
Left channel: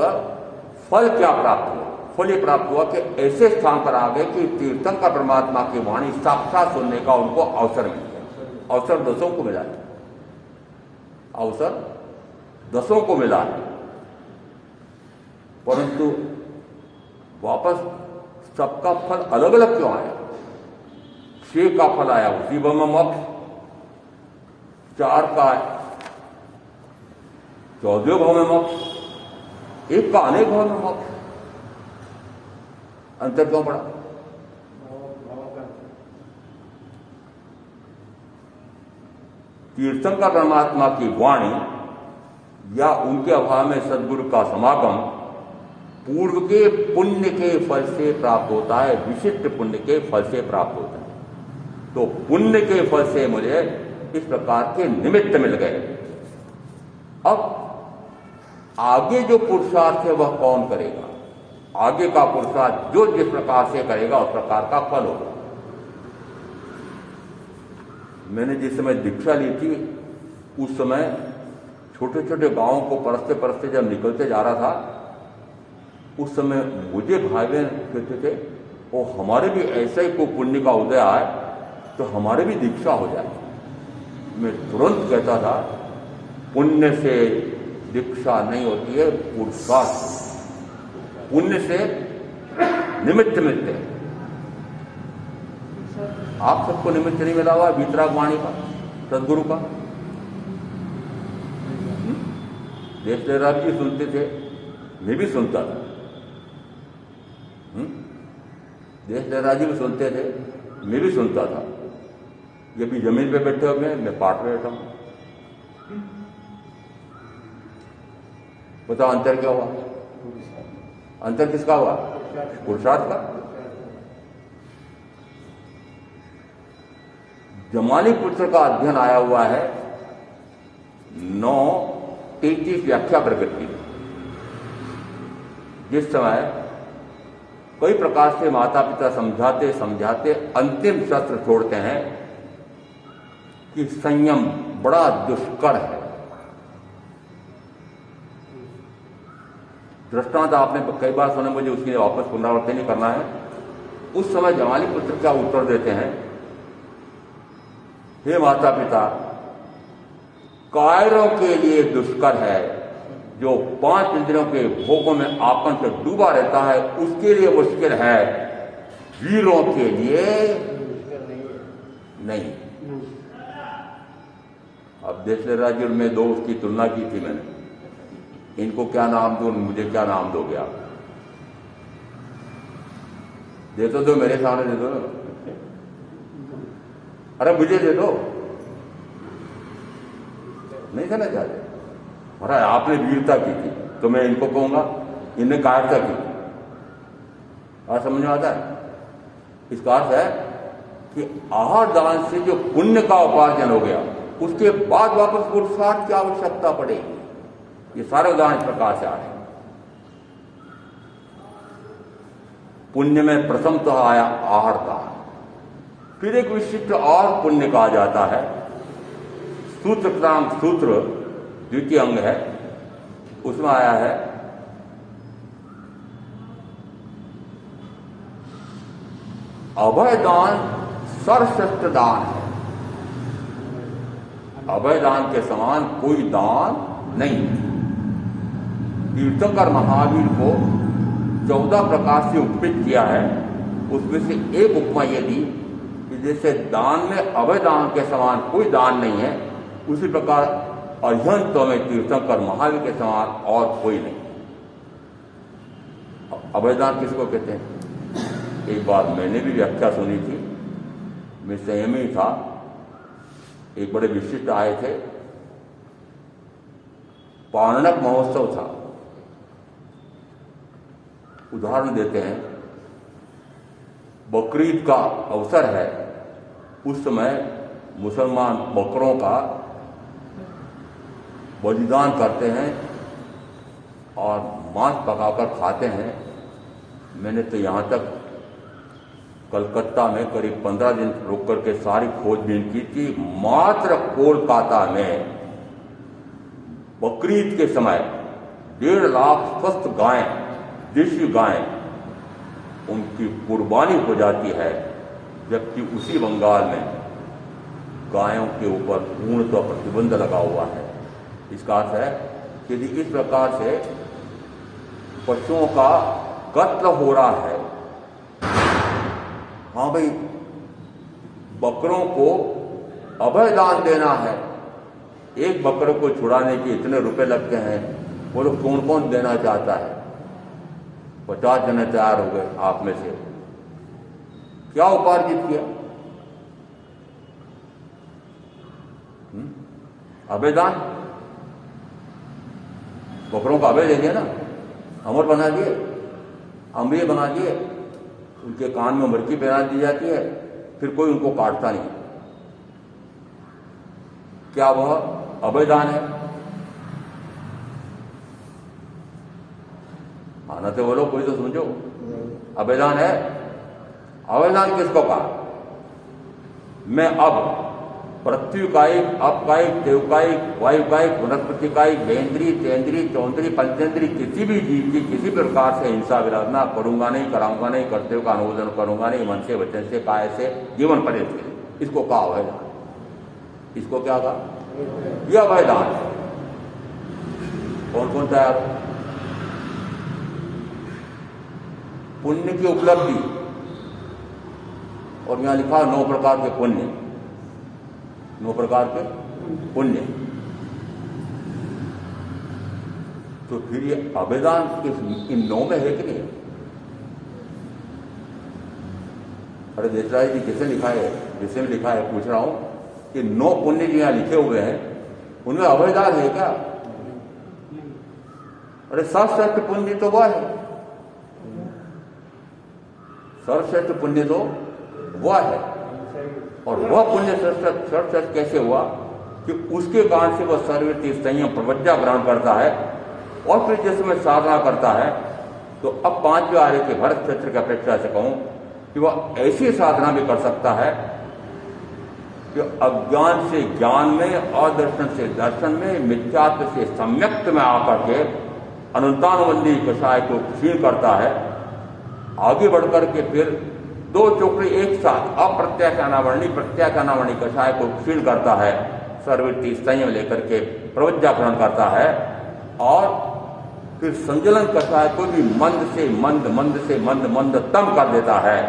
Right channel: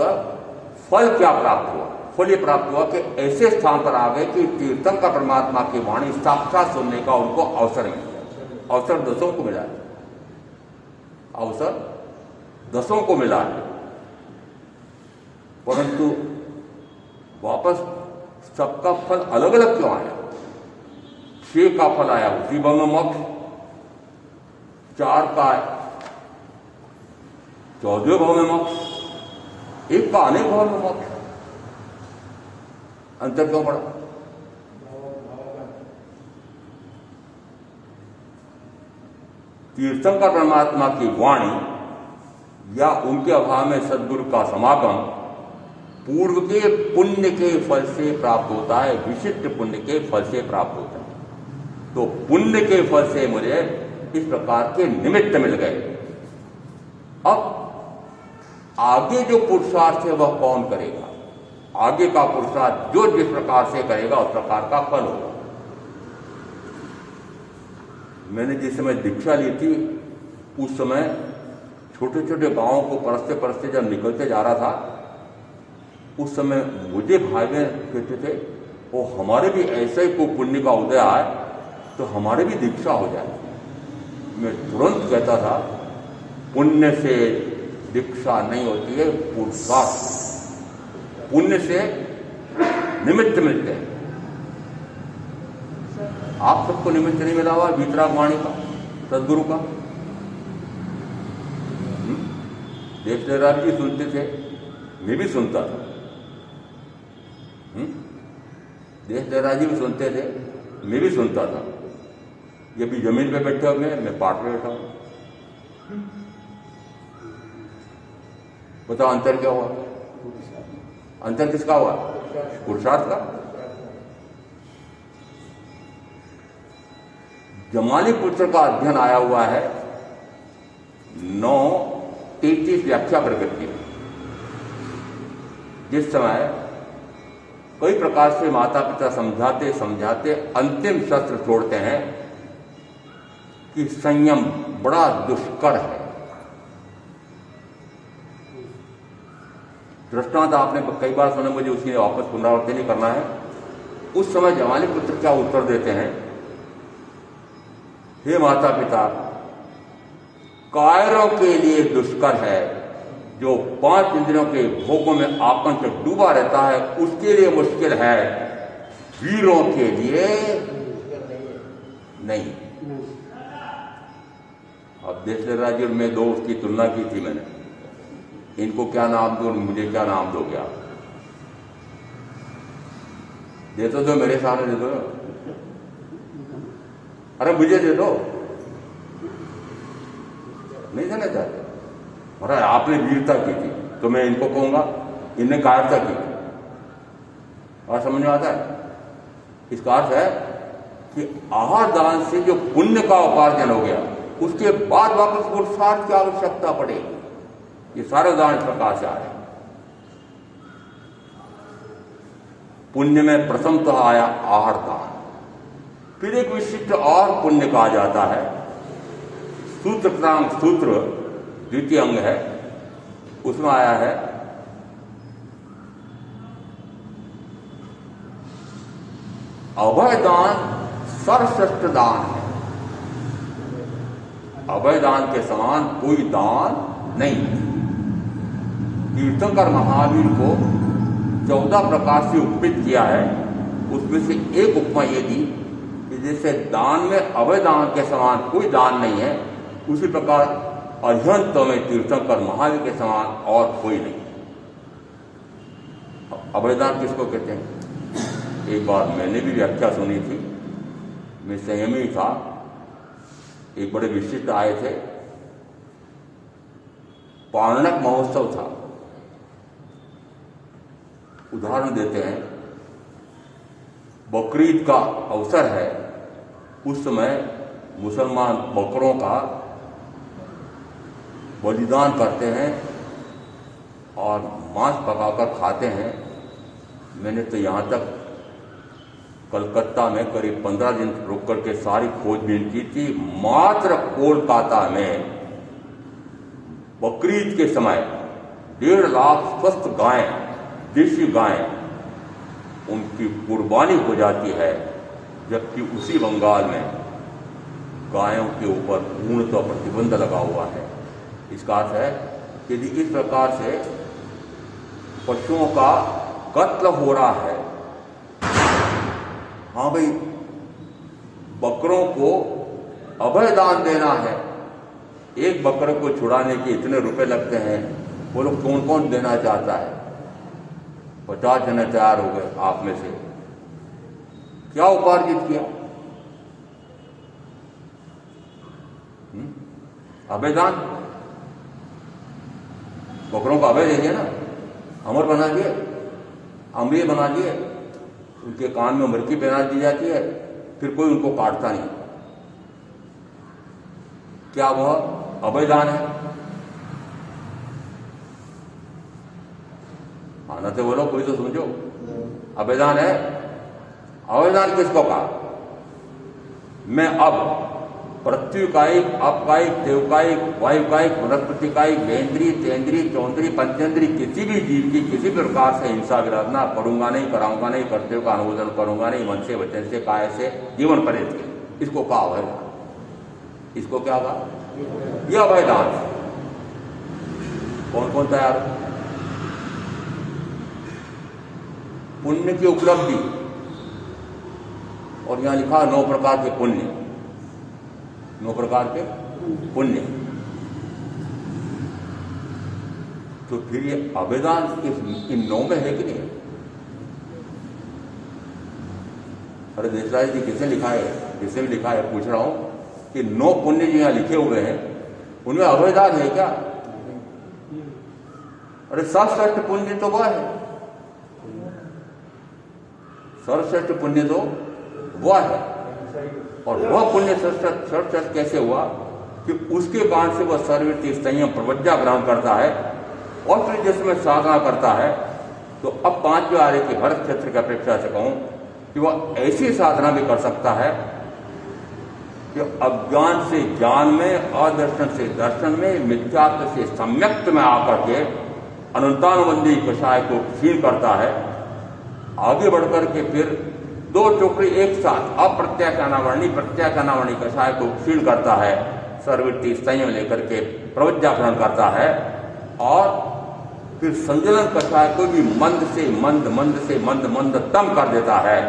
फल क्या प्राप्त हुआ? फल ये प्राप्त हुआ कि ऐसे स्थान पर आ गए कि तीर्थंकर परमात्मा की वाणी साक्षात सुनने का उनको अवसर मिल गया। अवसर 10 को मिला है, अवसर 10 को मिला है। परंतु वापस सबका फल अलग अलग क्यों आया? 6 का फल आया उसी भाव में मोक्ष, 4 का 14वें भाव में मोक्ष, 1 का अनेक भाव में मोक्ष। अंतर क्यों पड़ा? तीर्थंकर परमात्मा की वाणी या उनके अभाव में सद्गुरु का समागम पूर्व के पुण्य के फल से प्राप्त होता है, विशिष्ट पुण्य के फल से प्राप्त होता है। तो पुण्य के फल से मुझे इस प्रकार के निमित्त मिल गए। अब आगे जो पुरुषार्थ है वह कौन करेगा? आगे का पुरुषार्थ जो जिस प्रकार से करेगा उस प्रकार का फल होगा। मैंने जिस समय दीक्षा ली थी उस समय छोटे छोटे गांवों को परस्ते परस्ते जब निकलते जा रहा था, उस समय मुझे भाई बहन कहते थे वो हमारे भी ऐसा ही को पुण्य का उदय आए तो हमारे भी दीक्षा हो जाए। मैं तुरंत कहता था पुण्य से दीक्षा नहीं होती है, पुरुषार्थ। पुण्य से निमित्त मिलते हैं। आप सबको निमित्त नहीं मिला हुआ वीतराग वाणी का, सदगुरु का। देश जयराज जी सुनते थे, मैं भी सुनता था। देश जयराज जी भी सुनते थे, मैं भी सुनता था। ये भी जमीन पे बैठे हुए मैं पाठ में बैठा हूं। बताओ अंतर क्या हुआ? अंतर किसका हुआ? पुरुषार्थ का। जमाली पुत्र का अध्ययन आया हुआ है 9:33 व्याख्या प्रकट की। जिस समय कई प्रकार से माता पिता समझाते समझाते अंतिम शस्त्र छोड़ते हैं कि संयम बड़ा दुष्कर है। दृष्टांत आपने कई बार सुने, मुझे उसकी वापस पुनरावृत्ति नहीं करना है। उस समय जमाली पुत्र क्या उत्तर देते हैं? हे माता पिता, कायरों के लिए दुष्कर है, जो 5 इंद्रियों के भोगों में आपन से डूबा रहता है उसके लिए मुश्किल है, वीरों के लिए नहीं। अब देख ले राज्य में 2 उसकी तुलना की थी मैंने। इनको क्या नाम दो, मुझे क्या नाम दोगे आप? दे तो दो, मेरे सामने दे दो। अरे मुझे दे दो। नहीं देना चाहते। महाराज आपने वीरता की थी तो मैं इनको कहूंगा इनने कायरता की थी। और समझ में आता है? इसका अर्थ है कि आहार दान से जो पुण्य का उपार्जन हो गया उसके बाद वापस पुरुषार्थ की आवश्यकता पड़ेगी। ये सारे उदाहरण इस प्रकार से आ रहे हैं। पुण्य में प्रथम तो आया आहार दान, फिर एक विशिष्ट और पुण्य कहा जाता है सूत्रक्रांत सूत्र द्वितीय अंग है, उसमें आया है अभय दान सर्वश्रेष्ठ दान है। अभय दान के समान कोई दान नहीं। तीर्थंकर महावीर को 14 प्रकार से उपमित किया है। उसमें से एक उपमा ये दी कि जैसे दान में अभय दान के समान कोई दान नहीं है, उसी प्रकार अध्यंत में तीर्थंकर महावीर के समान और कोई नहीं। अभय दान किसको कहते हैं? एक बार मैंने भी व्याख्या सुनी थी, मैं संयमी था। एक बड़े विशिष्ट आए थे, पारणक महोत्सव था। उदाहरण देते हैं, बकरीद का अवसर है, उस समय मुसलमान बकरों का बलिदान करते हैं और मांस पकाकर खाते हैं। मैंने तो यहाँ तक कलकत्ता में करीब 15 दिन रुक करके सारी खोजबीन की थी। मात्र कोलकाता में बकरीद के समय 1.5 लाख स्वस्थ गायें, देशी गायें, उनकी कुर्बानी हो जाती है, जबकि उसी बंगाल में गायों के ऊपर पूर्णतः प्रतिबंध लगा हुआ है। इसका अर्थ है यदि इस प्रकार से पशुओं का कत्ल हो रहा है। हाँ भाई, बकरों को अभय दान देना है, एक बकरे को छुड़ाने के इतने रुपए लगते हैं, वो लोग कौन कौन देना चाहता है? 50 जने तैयार हो गए आप में से, क्या उपार्जित किया? अभय दान, बकरों का अभय देंगे ना, अमर बना दिए, अम्रीय बना दिए, उनके कान में मरकी पहना दी जाती है, फिर कोई उनको काटता नहीं। क्या वह अभय दान है? आना तो बोलो, कोई तो समझो, अभय दान है? अभय दान किसको कहा? मैं अब प्रत्युकायिक, अपकायिक, देवकायिक, वायुकायिक, वनस्पतिकायिक, गेंद्री, तेंद्री, चौंद्री, पंचेंद्री किसी भी जीव की किसी प्रकार से हिंसा विराधना करूंगा नहीं, कराऊंगा नहीं, कर्तव्य का अनुमोदन करूंगा नहीं, मन से, वचन से, काय से, जीवन पर्यंत। इसको कहा अभय दान। इसको क्या कहा? यह अभय दान है। कौन कौन तैयार? पुण्य की उपलब्धि, और यहां लिखा 9 प्रकार के पुण्य, 9 प्रकार के पुण्य। तो फिर ये अभयदान इन 9 में है कि नहीं? अरे देशराज जी जैसे लिखा है, जैसे भी लिखा है, पूछ रहा हूं कि 9 पुण्य जो यहां लिखे हुए हैं उनमें अभयदान है क्या? अरे सर्वश्रेष्ठ पुण्य तो वह है, सर्वश्रेष्ठ पुण्य तो वह है। और वह पुण्य सर्वश्रेष्ठ कैसे हुआ? कि उसके कारण से वह सर्वतीर्थ संयम प्रवज्ञा ग्रहण करता है, और फिर जिसमें साधना करता है। तो अब 5वें आर्य के भरत क्षेत्र की अपेक्षा से कहूं कि वह ऐसी साधना भी कर सकता है कि अज्ञान से ज्ञान में, अदर्शन से दर्शन में, मिथ्यात्व से सम्यक्त में आकर के अनंतानुबंधी कषाय को क्षीण करता है। आगे बढ़कर के फिर 2 टोकरी एक साथ अप्रत्याख्यानावर्णी प्रत्याख्यानावर्णी कषाय को क्षीण करता है, सर्ववृत्ति संयम लेकर के प्रवज्ञा ग्रहण करता है, और फिर संजलन कषाय को भी मंद से मंद, मंद से मंद, मंदतम कर देता है।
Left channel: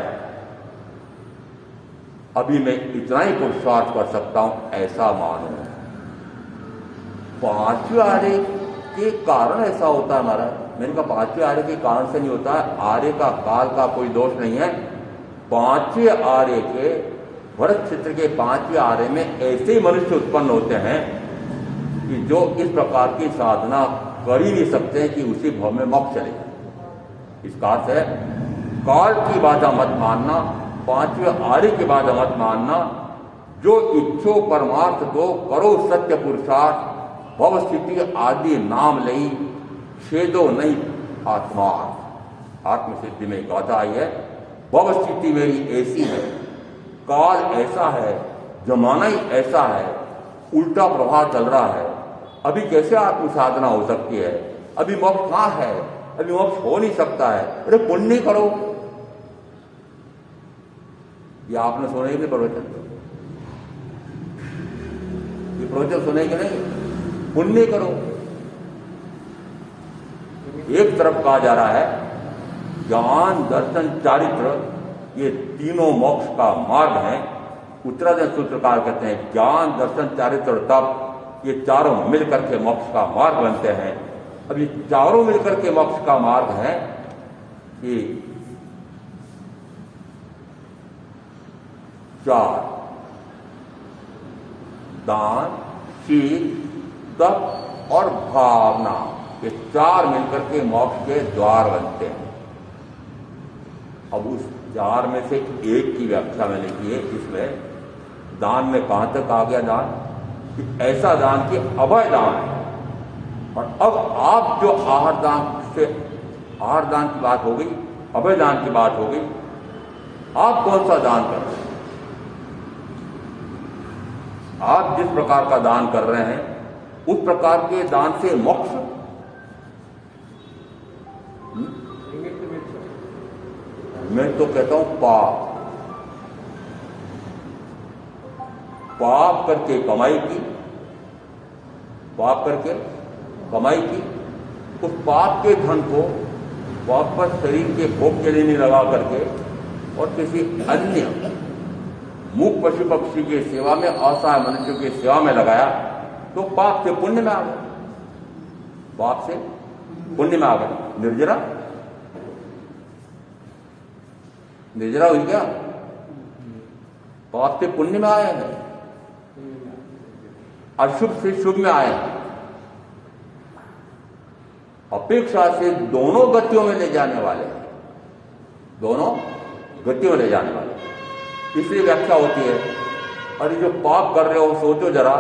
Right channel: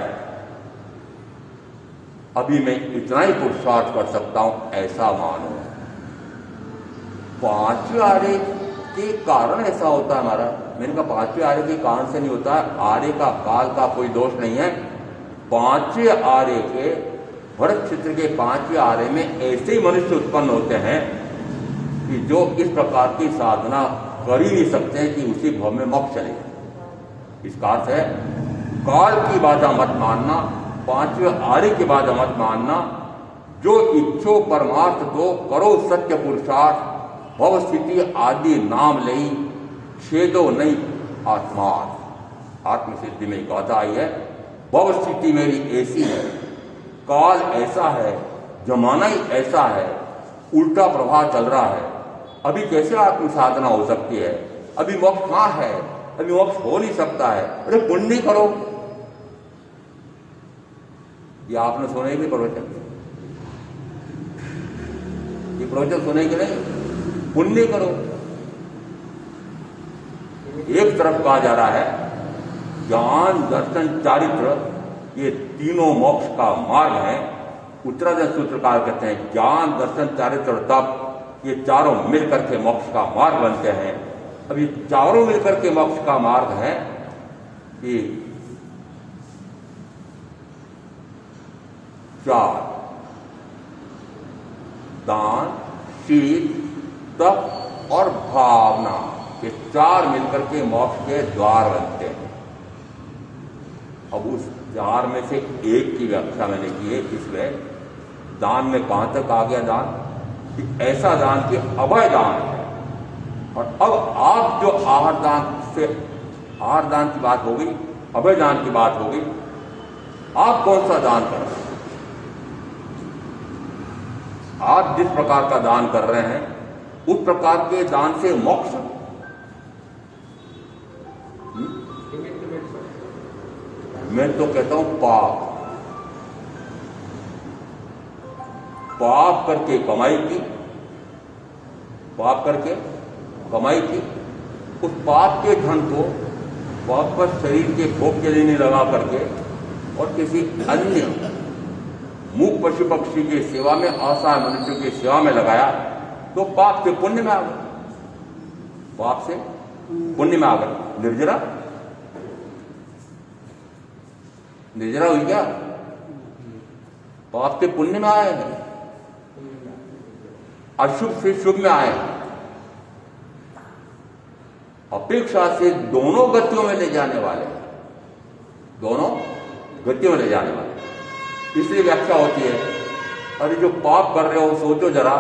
अभी मैं इतना ही पुरुषार्थ कर सकता हूं, ऐसा मानो। 5वें आर्य के कारण ऐसा होता है हमारा। मैंने कहा 5वें आर्य के कारण से नहीं होता है, आर्य का काल का कोई दोष नहीं है। 5वें आर्य के भरत क्षेत्र के 5वें आर्य में ऐसे ही मनुष्य उत्पन्न होते हैं कि जो इस प्रकार की साधना कर ही नहीं सकते हैं कि उसी भाव में मोक्ष चले। इसका अर्थ है काल की बाधा मत मानना, 5वें आर्य की बाधा मत मानना। जो इच्छो परमार्थ दो, करो सत्य पुरुषार्थ, भव स्थिति आदि नाम लई, छेदो नहीं आत्मा। आत्मसिद्धि में गाथा आई है, भव स्थिति मेरी ऐसी है, काल ऐसा है, जमाना ही ऐसा है, उल्टा प्रवाह चल रहा है। अभी कैसे आत्म साधना हो सकती है? अभी मोक्ष कहां है? अभी मोक्ष हो नहीं सकता है। अरे पुण्य करो। ये आपने सुने कि प्रवचन? ये प्रवचन सुने कि नहीं? पुण्य करो। एक तरफ कहा जा रहा है ज्ञान, दर्शन, चारित्र, ये तीनों मोक्ष का मार्ग है। उत्तराधि सूत्रकार कहते हैं ज्ञान, दर्शन, चारित्र और तप, ये चारों मिलकर के मोक्ष का मार्ग बनते हैं। अब ये चारों मिलकर के मोक्ष का मार्ग है कि 4 दान, शील, तप और भावना, ये 4 मिलकर के मोक्ष के द्वार बनते हैं। अब उस 4 में से एक की व्याख्या मैंने की है। इसमें दान में कहां तक आ गया दान? कि ऐसा दान कि अभय दान है। और अब आप जो आहार दान की बात हो गई, अभय दान की बात हो गई, आप कौन सा दान कर रहे हैं? आप जिस प्रकार का दान कर रहे हैं उस प्रकार के दान से मोक्ष, मैं तो कहता हूं पाप करके कमाई की, पाप करके कमाई की, उस पाप के धन को वापस शरीर के भोग के लिए नहीं लगा करके और किसी अन्य मूक पशु पक्षी की सेवा में, असहाय मनुष्य की सेवा में लगाया तो पाप से पुण्य में आ गए, पाप से पुण्य में आ गए। निर्जरा निर्जरा हुई क्या? पाप से पुण्य में आए हैं, अशुभ से शुभ में आए हैं। अपेक्षा से दोनों गतियों में ले जाने वाले हैं, दोनों गतियों में ले जाने वाले हैं। इसलिए व्याख्या होती है, अरे जो पाप कर रहे हो सोचो जरा,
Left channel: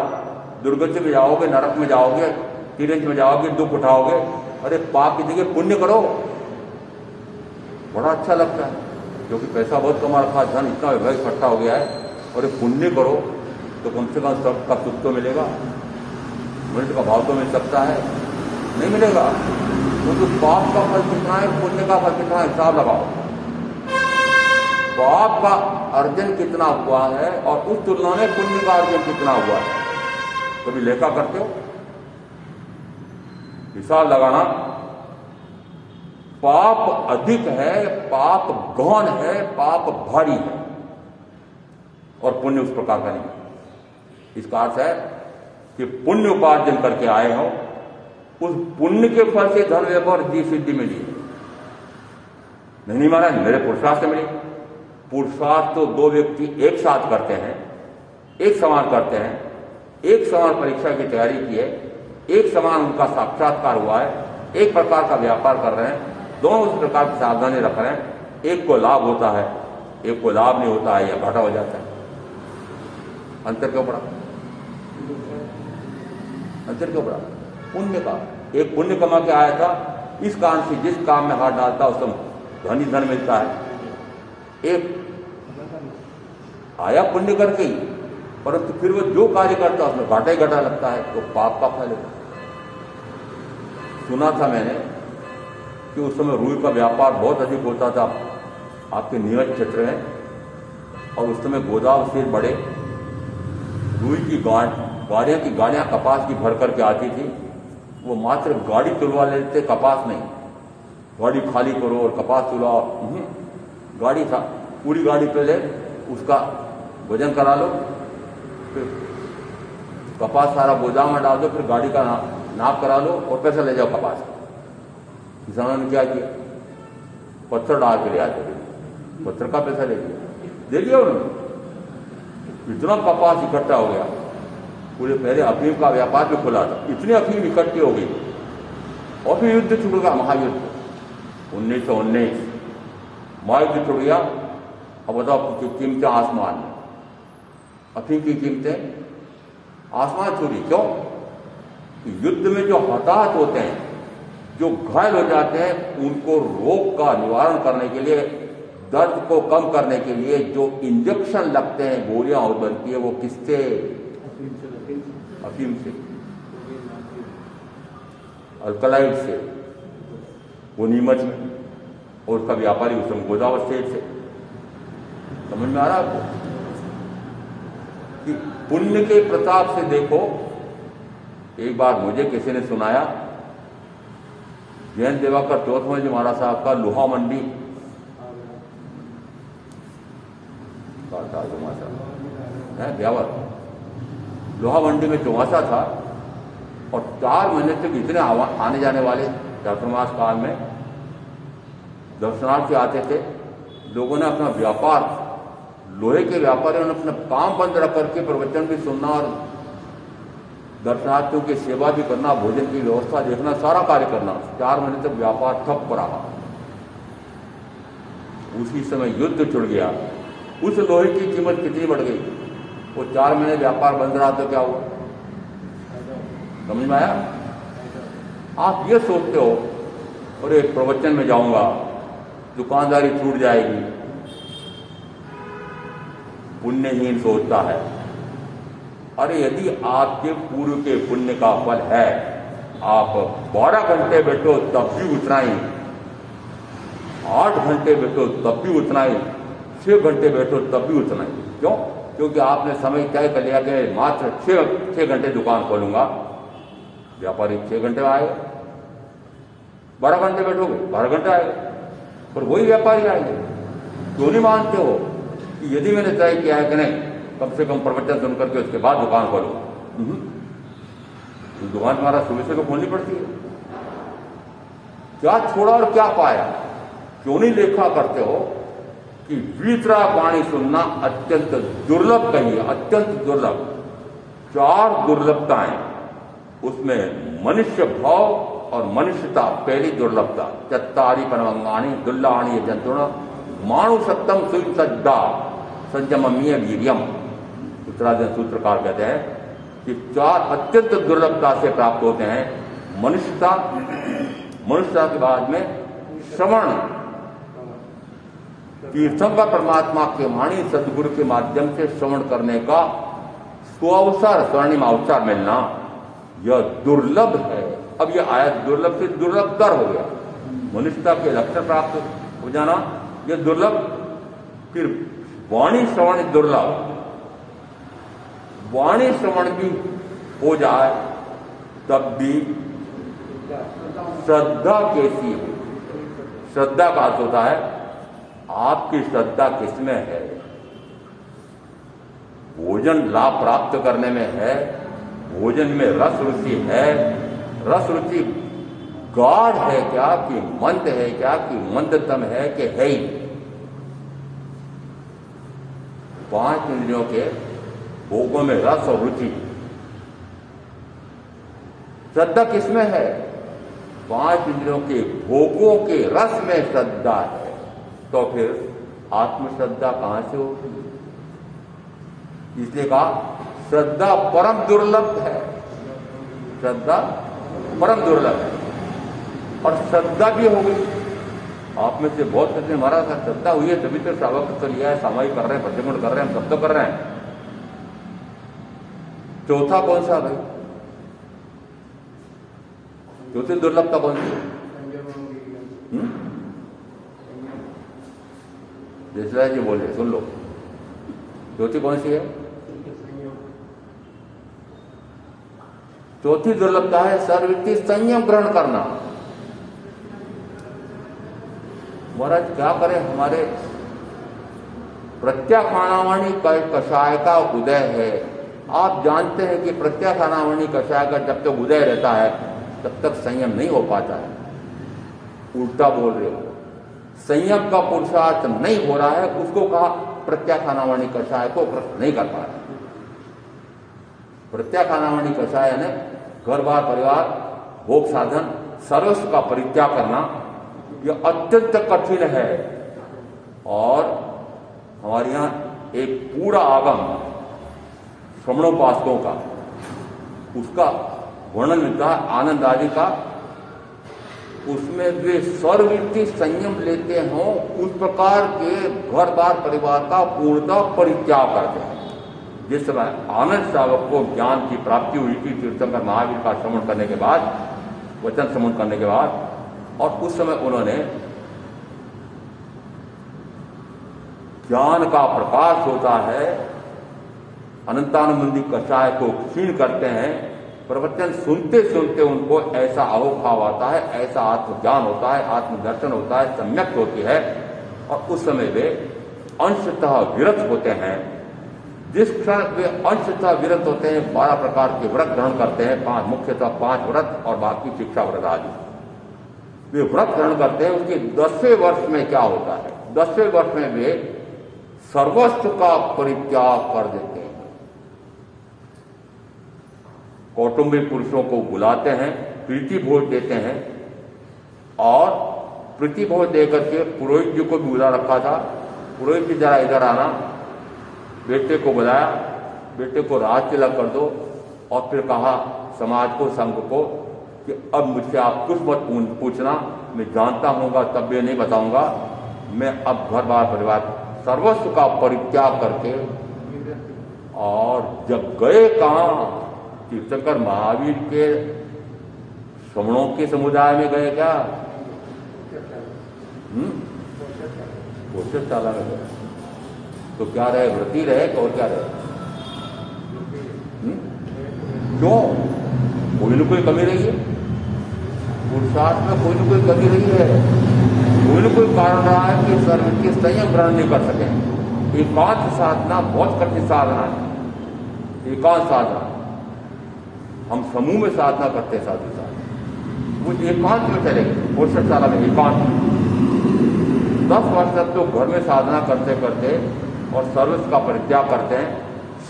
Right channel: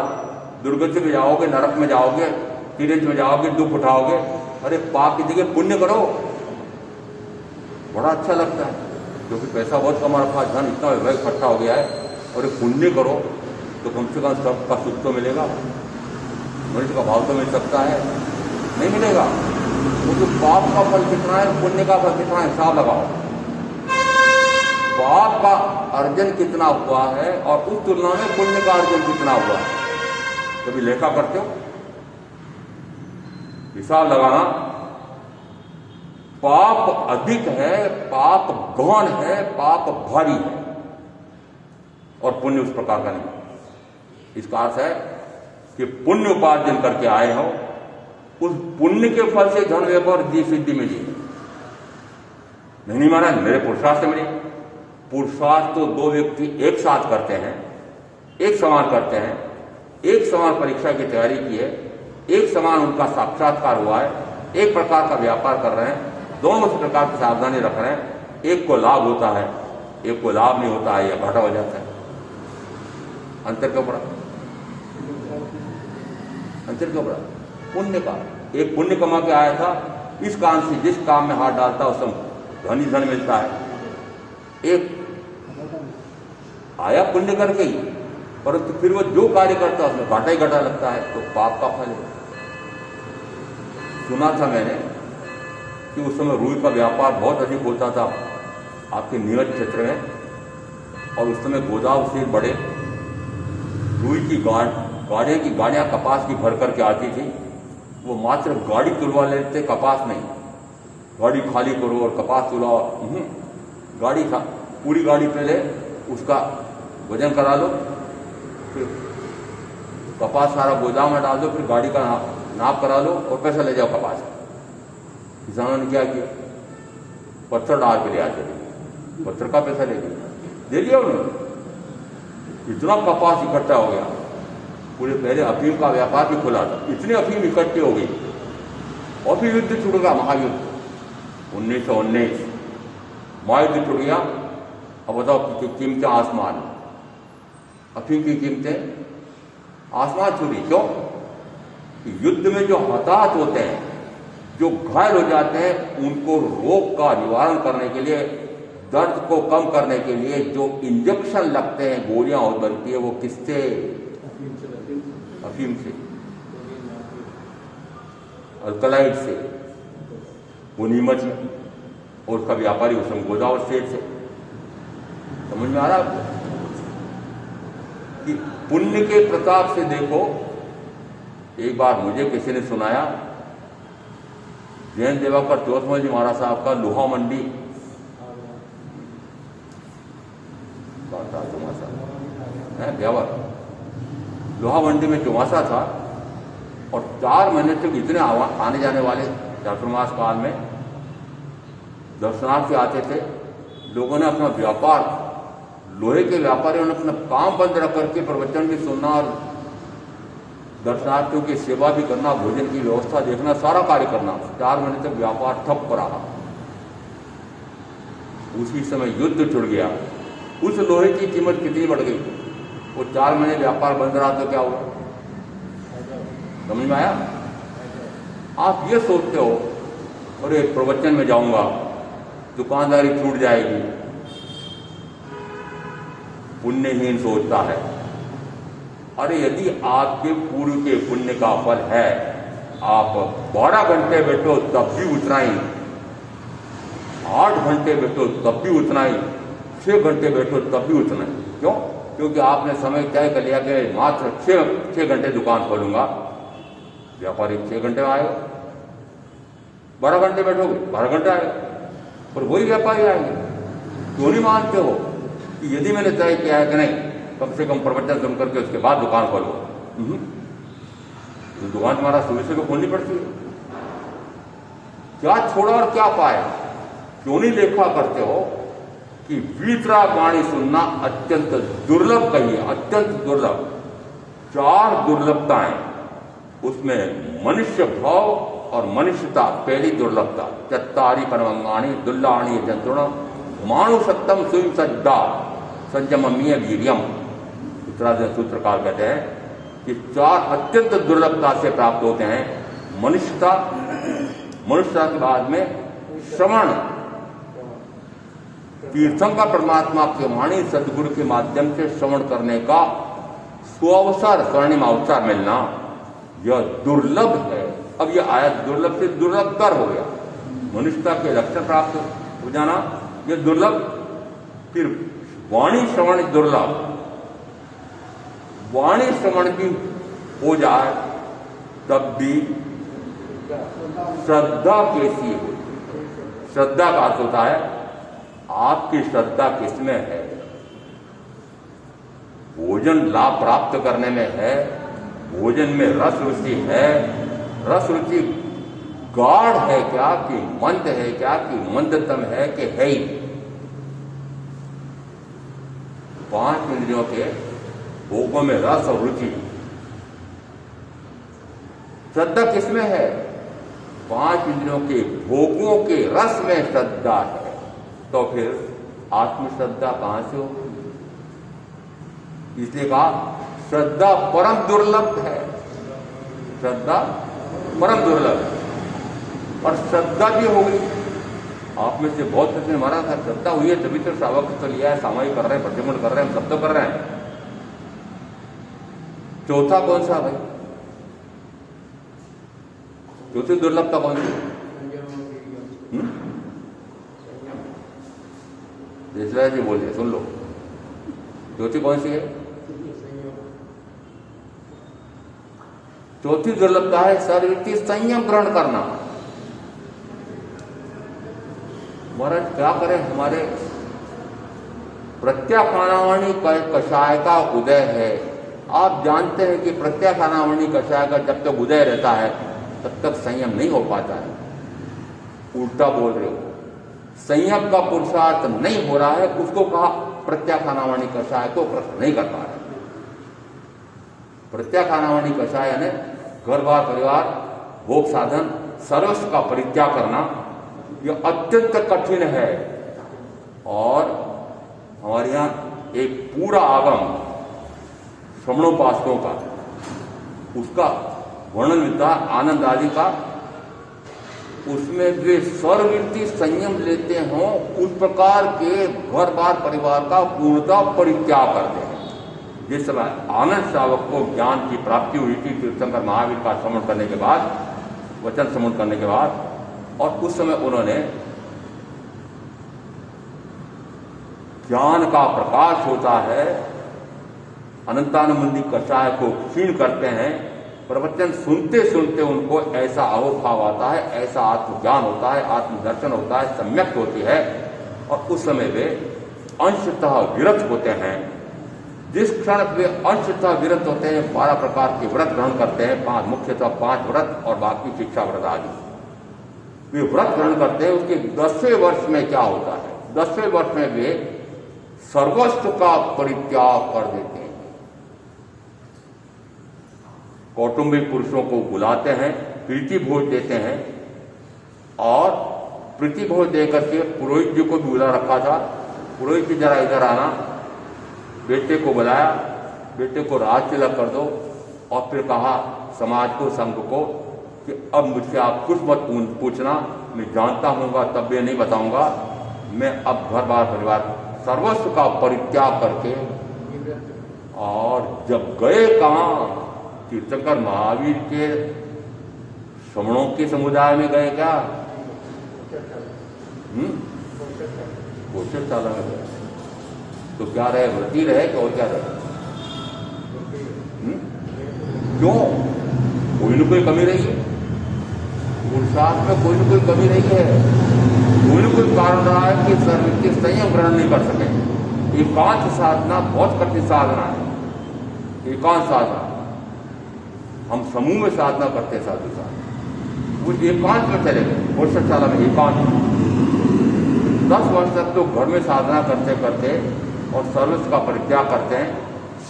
दुर्गति में जाओगे, नरक में जाओगे, तिरंज में जाओगे, दुख उठाओगे। अरे पाप की जगह पुण्य करो, बड़ा अच्छा लगता है, क्योंकि पैसा बहुत कमा रखा, धन इतना इकट्ठा हो गया है, और पुण्य करो तो कम से कम सबका सुख तो मिलेगा, मनुष्य का भाव तो मिल सकता है, नहीं मिलेगा। क्योंकि पाप का फल कितना है, पुण्य का फल कितना है, हिसाब लगाओ। पाप का अर्जन कितना हुआ है और उस तुलना में पुण्य का अर्जन कितना हुआ है, कभी लेखा करते हो? हिसाब लगाना। पाप अधिक है, पाप गहन है, पाप भारी है, और पुण्य उस प्रकार का नहीं। इसका अर्थ है कि पुण्य उपार्जन करके आए हो, उस पुण्य के फल से धन व्यापार दी सिद्धि मिली नहीं माना, मेरे पुरुषार्थ से मिली। पुरुषार्थ तो दो व्यक्ति एक साथ करते हैं, एक समान करते हैं, एक समान परीक्षा की तैयारी की है, एक समान उनका साक्षात्कार हुआ है, एक प्रकार का व्यापार कर रहे हैं, दोनों उस प्रकार की सावधानी रख रहे हैं। एक को लाभ होता है, एक को लाभ नहीं होता है या घाटा हो जाता है। अंतर क्यों पड़ा? अंतर क्यों पड़ा? पुण्य का। एक पुण्य कमा के आया था, इस काम से जिस काम में हाथ डालता उसको धन ही धन मिलता है। एक आया पुण्य करके ही, परंतु फिर वो जो कार्य करता है उसमें घाटा ही घाटा लगता है, तो पाप का फल है। सुना था मैंने कि उस समय रुई का व्यापार बहुत अधिक होता था आपके नीमच क्षेत्र में, और उस समय गोदाम से बड़े रुई की गाड़ियां कपास की भर करके आती थी। वो मात्र गाड़ी तुलवा लेते, कपास नहीं। गाड़ी खाली करो और कपास तुलाओ, गाड़ी था, पूरी गाड़ी पहले उसका वजन करा लो, फिर कपास सारा गोदाम में डाल दो, फिर गाड़ी का नाप करा लो और पैसा ले जाओ कपास। किसानों ने क्या किया? पत्थर डाल के ले आते थे, पत्थर का पैसा ले दिया उन्होंने। इतना कपास इकट्ठा हो गया, पूरे पहले अफीम का व्यापार भी खुला था, इतनी अफीम इकट्ठी हो गई, और फिर युद्ध छूट गया, महायुद्ध 1919 महायुद्ध छूट गया। अब बताओ कीमतें आसमान, अफीम की कीमतें आसमान छूटी। क्यों? युद्ध में जो हताहत होते हैं, जो घायल हो जाते हैं, उनको रोग का निवारण करने के लिए, दर्द को कम करने के लिए जो इंजेक्शन लगते हैं, गोलियां बनती है, वो किससे? अफीम से, अल्कलाइड से, वो नीमच में, और उसका व्यापारी उस समय गोदावरी स्टेट से। समझ में आ रहा है आपको कि पुण्य के प्रताप से देखो। एक बार मुझे किसी ने सुनाया, जैन देवाकर चौथमल जी महाराज साहब का लोहा मंडी है ब्यावर, लोहा मंडी में चौमासा था, और 4 महीने तक इतने आने जाने वाले चातुर्मास काल में दर्शनार्थी आते थे। लोगों ने अपना व्यापार, लोहे के व्यापारियों ने अपना काम बंद रख करके प्रवचन भी सुनना और दर्शनार्थियों की सेवा भी करना, भोजन की व्यवस्था देखना, सारा कार्य करना। 4 महीने तक व्यापार ठप रहा। उसी समय युद्ध छुड़ गया। उस लोहे की कीमत कितनी बढ़ गई? वो 4 महीने व्यापार बंद रहा तो क्या हुआ? समझ में आया? आप ये सोचते हो, और एक प्रवचन में जाऊंगा, दुकानदारी छूट जाएगी। पुण्यहीन सोचता है। अरे यदि आपके पूर्व के पुण्य का फल है, आप 12 घंटे बैठो तब भी उतना ही, 8 घंटे बैठो तब भी उतना ही, 6 घंटे बैठो तब भी उतना ही। क्यों? क्योंकि आपने समय तय कर लिया कि मात्र 6 घंटे दुकान खोलूंगा। व्यापारी 6 घंटे में आएगा, 12 घंटे बैठोगे 12 घंटे आएगा, पर वही व्यापारी आएंगे। क्यों नहीं मानते हो कि यदि मैंने तय किया है कि नहीं कम से कम प्रवचन सुन करके उसके बाद दुकान खोलो, तो दुकान तुम्हारा शुरू से तो खोलनी पड़ती है। क्या छोड़ा और क्या पाया? क्यों नहीं लेखा करते हो कि वीतरा वाणी सुनना अत्यंत दुर्लभ कहिए, अत्यंत दुर्लभ। 4 दुर्लभताएं उसमें मनुष्य भाव और मनुष्यता पहली दुर्लभता। चत्तारी परमंगाणी दुल्लाणी जंतुण माणु सत्तम सुई सज्जा संयममीय वीर्यम। उत्तराधि सूत्रकार कहते हैं कि 4 अत्यंत दुर्लभता से प्राप्त होते हैं। मनुष्यता, मनुष्यता के बाद में श्रवण, तीर्थंकर परमात्मा के वाणी सदगुरु के माध्यम से श्रवण करने का सुअवसर, स्वर्णिम अवसर मिलना, यह दुर्लभ है। अब यह आया दुर्लभ से दुर्लभतर हो गया। मनुष्यता के लक्षण प्राप्त हो जाना यह दुर्लभ। फिर वाणी श्रवण दुर्लभ, वाणी श्रवण भी हो जाए तब भी श्रद्धा कैसी है? श्रद्धा का अर्थ होता है आपकी श्रद्धा किसमें है? भोजन लाभ प्राप्त करने में है, भोजन में रस रुचि है, रस रुचि गाढ़ है क्या कि मंद है क्या कि मंदतम है कि है ही? 5 इंद्रियों के भोगों में रस और रुचि, श्रद्धा किसमें है? 5 इंद्रियों के भोगों के रस में श्रद्धा है, तो फिर आत्मश्रद्धा कहां से होगी? इसलिए कहा श्रद्धा परम दुर्लभ है, श्रद्धा परम दुर्लभ है। और श्रद्धा भी होगी। आप में से बहुत कुछ ने मारा था श्रद्धा हुई है तभी तो श्रावक तो लिया है, सामायिक कर रहे हैं, प्रत्यमण कर रहे हैं, हम सब तो कर रहे हैं। चौथा कौन सा भाई? चौथी दुर्लभता कौन सी? देशराज जी बोले, सुन लो, चौथी कौन सी है? चौथी दुर्लभता है सर्ववृत्ति संयम ग्रहण करना। महाराज क्या करें, हमारे प्रत्याखानावाणी कषाय का उदय है। आप जानते हैं कि प्रत्याखानावाणी कषाय का जब तक उदय रहता है तब तक संयम नहीं हो पाता है। उल्टा बोल रहे हो, संयम का पुरुषार्थ नहीं हो रहा है, उसको कहा प्रत्याखानावाणी कषाय को ग्रहण नहीं कर पा रहे। प्रत्याखानावाणी कषाय यानी घर बार परिवार भोग साधन सर्वस्व का परित्याग करना, यह अत्यंत कठिन है। और हमारे यहाँ एक पूरा आगम श्रवणोपासकों का, उसका वर्णन मिलता है आनंद आदि का। उसमें वे सर्ववृत्ति संयम लेते हों उस प्रकार के घर बार परिवार का पूर्णतः परित्याग करते हैं। जिस समय आनंद श्रावक को ज्ञान की प्राप्ति हुई थी तीर्थंकर महावीर का श्रवण करने के बाद, वचन श्रवण करने के बाद, और उस समय उन्होंने ज्ञान का प्रकाश होता है, अनंतानुबंधी कषाय को क्षीण करते हैं। प्रवचन सुनते सुनते उनको ऐसा अहोभाव आता है, ऐसा आत्मज्ञान होता है, आत्मदर्शन होता है, सम्यक होती है, और उस समय वे अंशतः विरत होते हैं। जिस क्षण वे अंशतः विरत होते हैं 12 प्रकार के व्रत ग्रहण करते हैं, 5 मुख्यतः 5 व्रत और बाकी शिक्षा व्रत आदि वे व्रत ग्रहण करते हैं। उसके 10वें वर्ष में क्या होता है? 10वें वर्ष में वे सर्वस्व का परित्याग कर देते हैं। कौटुंबिक पुरुषों को बुलाते हैं, प्रीति भोज देते हैं, और प्रीति भोज देकर के पुरोहित जी को भी बुला रखा था। पुरोहित जी जरा इधर आना, बेटे को बुलाया, बेटे को राज तिलक कर दो, और फिर कहा समाज को, संघ को कि अब मुझसे आप कुछ मत पूछना, मैं जानता हूँगा तब भी नहीं बताऊंगा। मैं अब घर बार परिवार सर्वस्व का परित्याग करके, और जब गए कहाँ? तीर्थंकर महावीर के श्रवणों के समुदाय में गए क्या? पोषकशाला में गए। तो क्या रहे? व्रती रहे और क्या रहे? क्यों? कोई न कोई कमी रही है। पुरुषार्थ में कोई न कोई कमी रही है, कोई न कोई कारण रहा है कि सर्व के संयम ग्रहण नहीं कर सके। एकांत साधना बहुत कठिन साधना है। एकांत साधना हम समूह में साधना करते हैं, साधु साहब वो एकांत में चले। पुरुषशाला में एकांत 10 वर्ष तक तो घर में साधना करते करते और सर्विस का परित्याग करते हैं।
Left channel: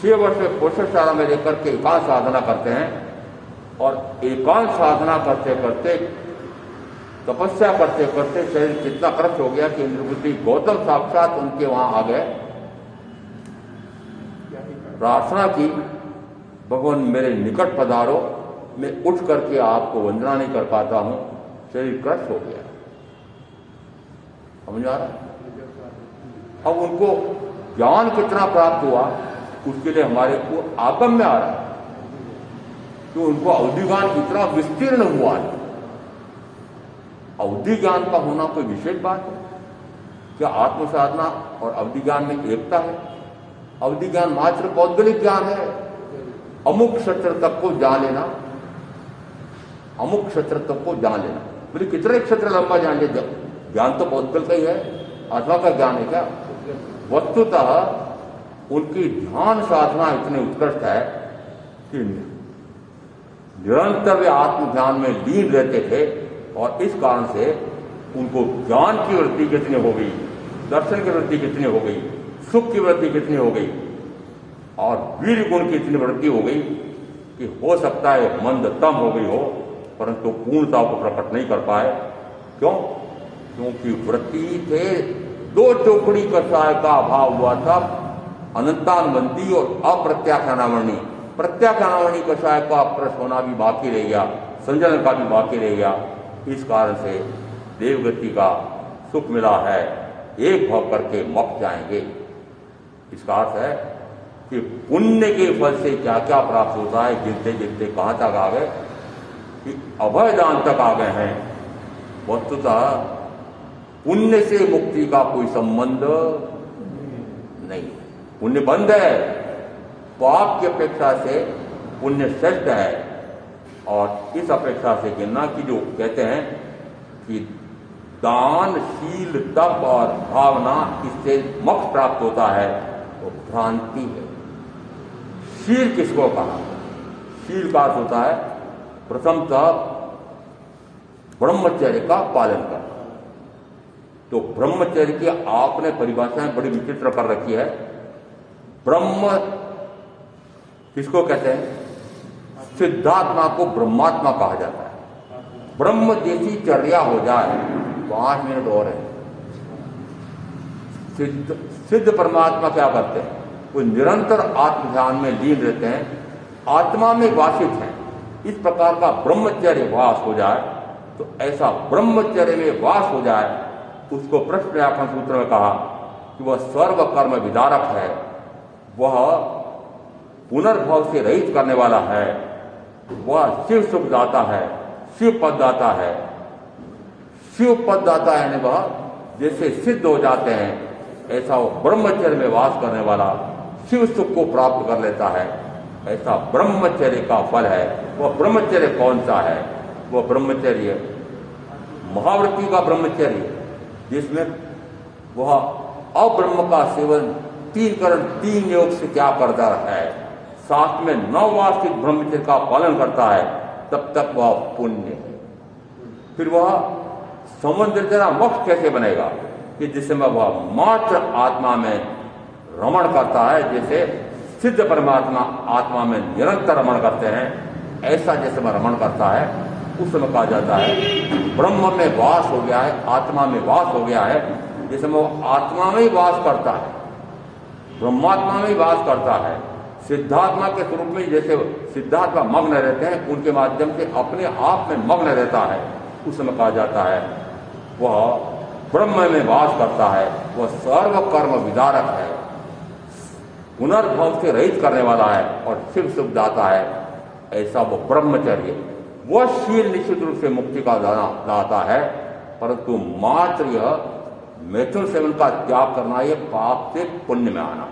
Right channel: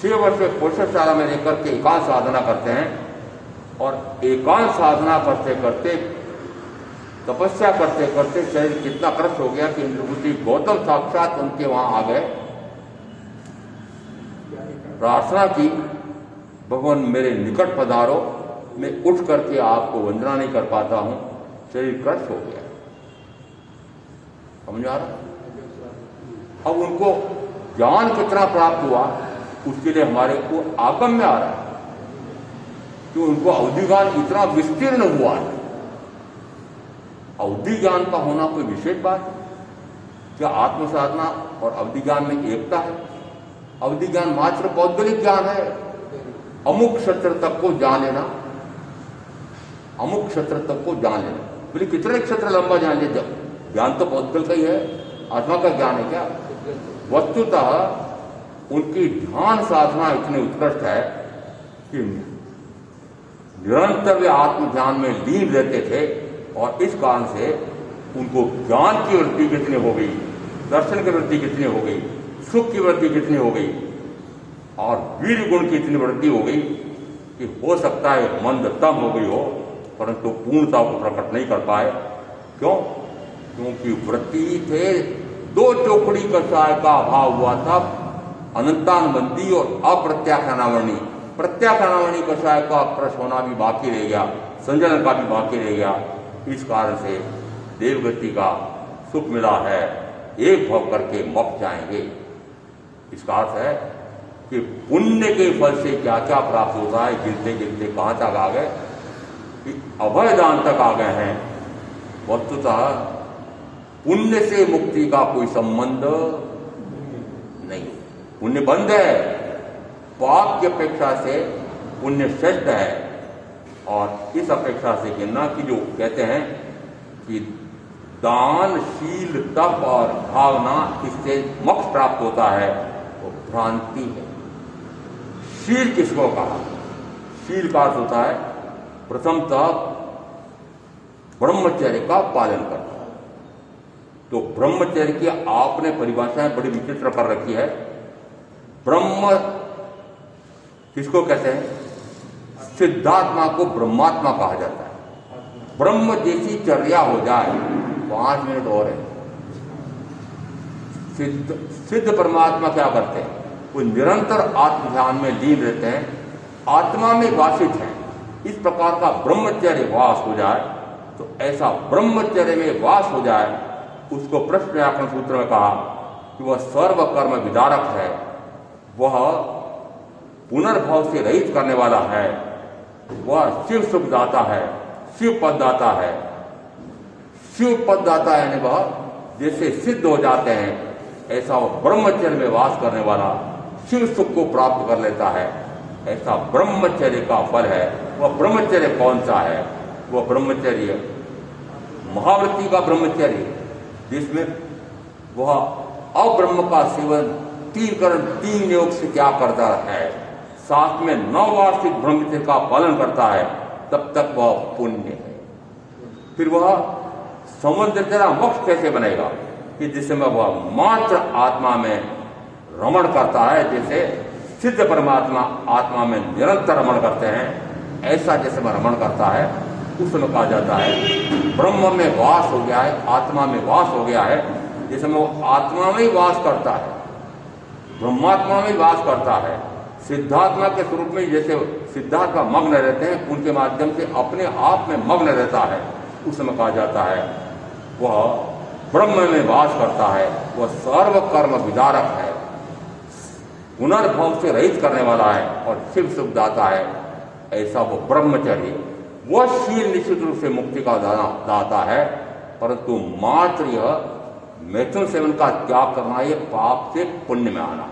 6 वर्ष में पुरुषशाला में लेकर के एकांत साधना करते हैं और एकांत साधना करते करते तपस्या करते करते शरीर कितना क्रश हो गया कि इंद्रभूति गौतम साक्षात उनके वहां आ गए। प्रार्थना की, भगवान मेरे निकट पधारो, मैं उठ करके आपको वंदना नहीं कर पाता हूं, शरीर क्रश हो गया। समझ आ रहा? अब उनको ज्ञान कितना प्राप्त हुआ उसके लिए हमारे को आगम में आ रहा है कि उनको अवधि ज्ञान इतना विस्तीर्ण हुआ है। अवधि ज्ञान का होना कोई विशेष बात है क्या? आत्म साधना और अवधि ज्ञान में एकता है। अवधि ज्ञान मात्र पौद्गलिक ज्ञान है। अमुक क्षेत्र तक को जान लेना, अमुक क्षेत्र तक को जान लेना। बोले कितने क्षेत्र लंबा जान ले? ज्ञान तो पौद्गल का ही है, आत्मा का ज्ञान है क्या? वस्तुतः उनकी ध्यान साधना इतनी उत्कृष्ट है कि निरंतर वे आत्म ध्यान में लीन रहते थे और इस कारण से उनको ज्ञान की वृद्धि कितनी हो गई, दर्शन की वृद्धि कितनी हो गई, सुख की वृद्धि कितनी हो गई और वीर गुण की इतनी वृद्धि हो गई कि हो सकता है मंदतम हो गई हो परंतु पूर्णता को प्रकट नहीं कर पाए। क्यों? क्योंकि वृत्ति थे 2 चौकड़ी कषाय का अभाव हुआ था, अनंतानुबंधी और अप्रत्याख्यानावरणी। प्रत्याख्यानावरणी कषाय का अप्रश होना भी बाकी रह गया, संजलन का भी बाकी रह गया। इस कारण से देवगति का सुख मिला है, एक भाव करके मोक्ष जाएंगे। इसका अर्थ है कि पुण्य के फल से क्या क्या प्राप्त होता है, गिरते गिरते कहां तक आ गए कि अभयदान तक आ गए हैं। वस्तुतः पुण्य से मुक्ति का कोई संबंध नहीं। पुण्य बंद है, पाप की अपेक्षा से पुण्य श्रेष्ठ है। और इस अपेक्षा से कहना कि जो कहते हैं कि दान, शील, तप और भावना इससे मोक्ष प्राप्त होता है, वो भ्रांति है। शील किसको कहा? शील का अर्थ होता है प्रथमतः ब्रह्मचर्य का पालन करना। तो ब्रह्मचर्य की आपने परिभाषाएं बड़ी विचित्र कर रखी है। ब्रह्म किसको कहते हैं? सिद्धात्मा को ब्रह्मात्मा कहा जाता है। ब्रह्म जैसी चर्या हो जाए, 5 मिनट और है। सिद्ध परमात्मा क्या करते हैं? वो निरंतर आत्म ध्यान में लीन रहते हैं, आत्मा में वासित हैं। इस प्रकार का ब्रह्मचर्य वास हो जाए तो ऐसा ब्रह्मचर्य में वास हो जाए, उसको प्रश्न व्याकरण सूत्र में कहा कि वह सर्व कर्म विदारक है, वह पुनर्भव से रहित करने वाला है, वह शिव सुख दाता है, शिव पद दाता है। शिव पद दाता यानी वह जैसे सिद्ध हो जाते हैं ऐसा वो ब्रह्मचर्य में वास करने वाला शिव सुख को प्राप्त कर लेता है। ऐसा ब्रह्मचर्य का फल है। वह ब्रह्मचर्य कौन सा है? वह ब्रह्मचर्य महावृत्ति का ब्रह्मचर्य, जिसमें वह अब्रह्म का सेवन 3 करण 3 योग से क्या करता है, साथ में 9 वार्षिक ब्रह्मचर्य का पालन करता है, तब तक वह पुण्य है। फिर वह समुद्र तेरा मोक्ष कैसे बनेगा कि जिसमें वह मात्र आत्मा में रमण करता है, जैसे सिद्ध परमात्मा आत्मा में निरंतर रमण करते हैं, ऐसा जैसे वह रमण करता है, उस समय कहा जाता है ब्रह्म में वास हो गया है, आत्मा में वास हो गया है। जैसे वो आत्मा में ही वास करता है, ब्रह्मात्मा में ही वास करता है। सिद्धात्मा के स्वरूप में जैसे सिद्धात्मा मग्न रहते हैं, उनके माध्यम से अपने आप में मग्न रहता है, उस समय कहा जाता है वह ब्रह्म में वास करता है, वह सर्व कर्म विदारक है, पुनर्भव से रहित करने वाला है और शिव सुख दाता है। ऐसा वो ब्रह्मचर्य, वह शील निश्चित रूप से मुक्ति का दाता है, परंतु मात्र यह मैथुन सेवन का त्याग करना, ये पाप से पुण्य में आना।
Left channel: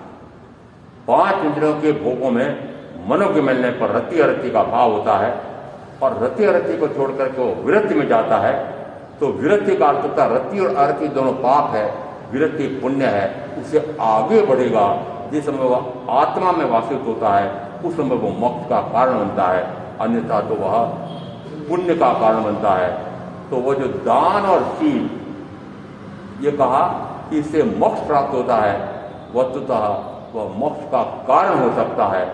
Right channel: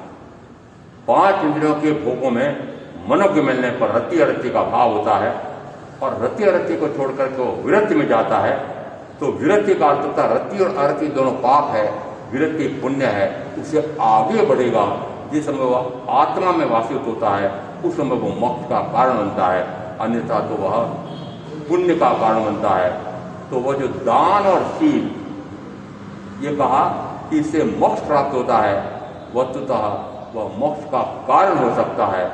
5 इंद्रियों के भोगों में मनो के मिलने पर रति अरति का भाव होता है और रति अरति को छोड़ करके वो विरक्ति में जाता है, तो विरक्ति का अर्थ होता है रति और अरति दोनों पाप है, विरक्ति पुण्य है, उसे आगे बढ़ेगा। जिस समय वह आत्मा में वासित होता है उस समय वो मोक्ष का कारण बनता है, अन्यथा तो वह पुण्य का कारण बनता है। तो वह जो दान और शील, ये कहा कि इससे मोक्ष प्राप्त होता है, वस्तुतः वह मोक्ष का कारण हो सकता है,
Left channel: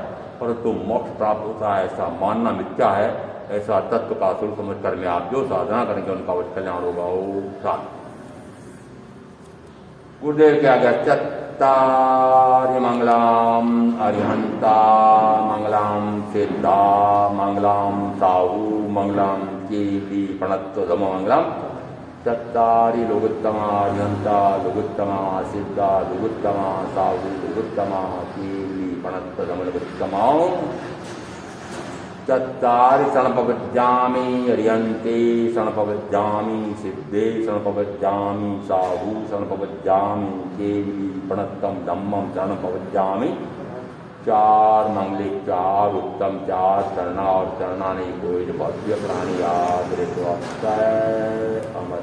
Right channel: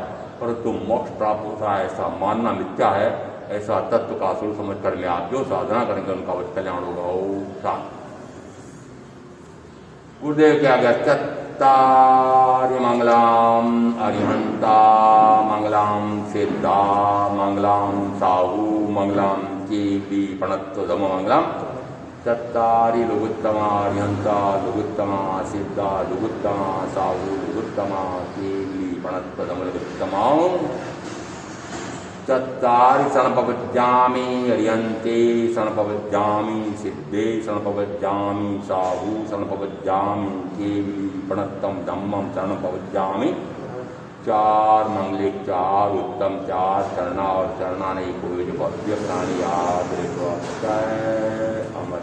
परंतु मोक्ष प्राप्त होता है ऐसा मानना मिथ्या है। ऐसा तत्व का स्वरूप समझ कर में आप जो साधना करेंगे उनका वह कल्याण होगा। ओम शांति। गुरुदेव क्या गया चत्तारि मंगलाम अरिहंता मंगलाम सिद्धा मंगलाम साहू मंगलाम केली पणत्व धम मंगलाम चत्तारि लुगुत्तमा अरिहंता लुगुत्तमा सिद्धा लुगुत्तमा साहू लुगुत्तमा केली पणत्व धम लुगुत्तमा चत्तारि सनपवज्जामि अरिहन्ते सनपवज्जामि सिद्धे सनपवज्जामि साहू सनपवज्जामि केली पणत्तम धम्मम सनपवज्जामि। चार मंगलिक, चार उत्तम, चार चरणा और चरणा नहीं कोई भव्य प्राणी याद रे तो अमर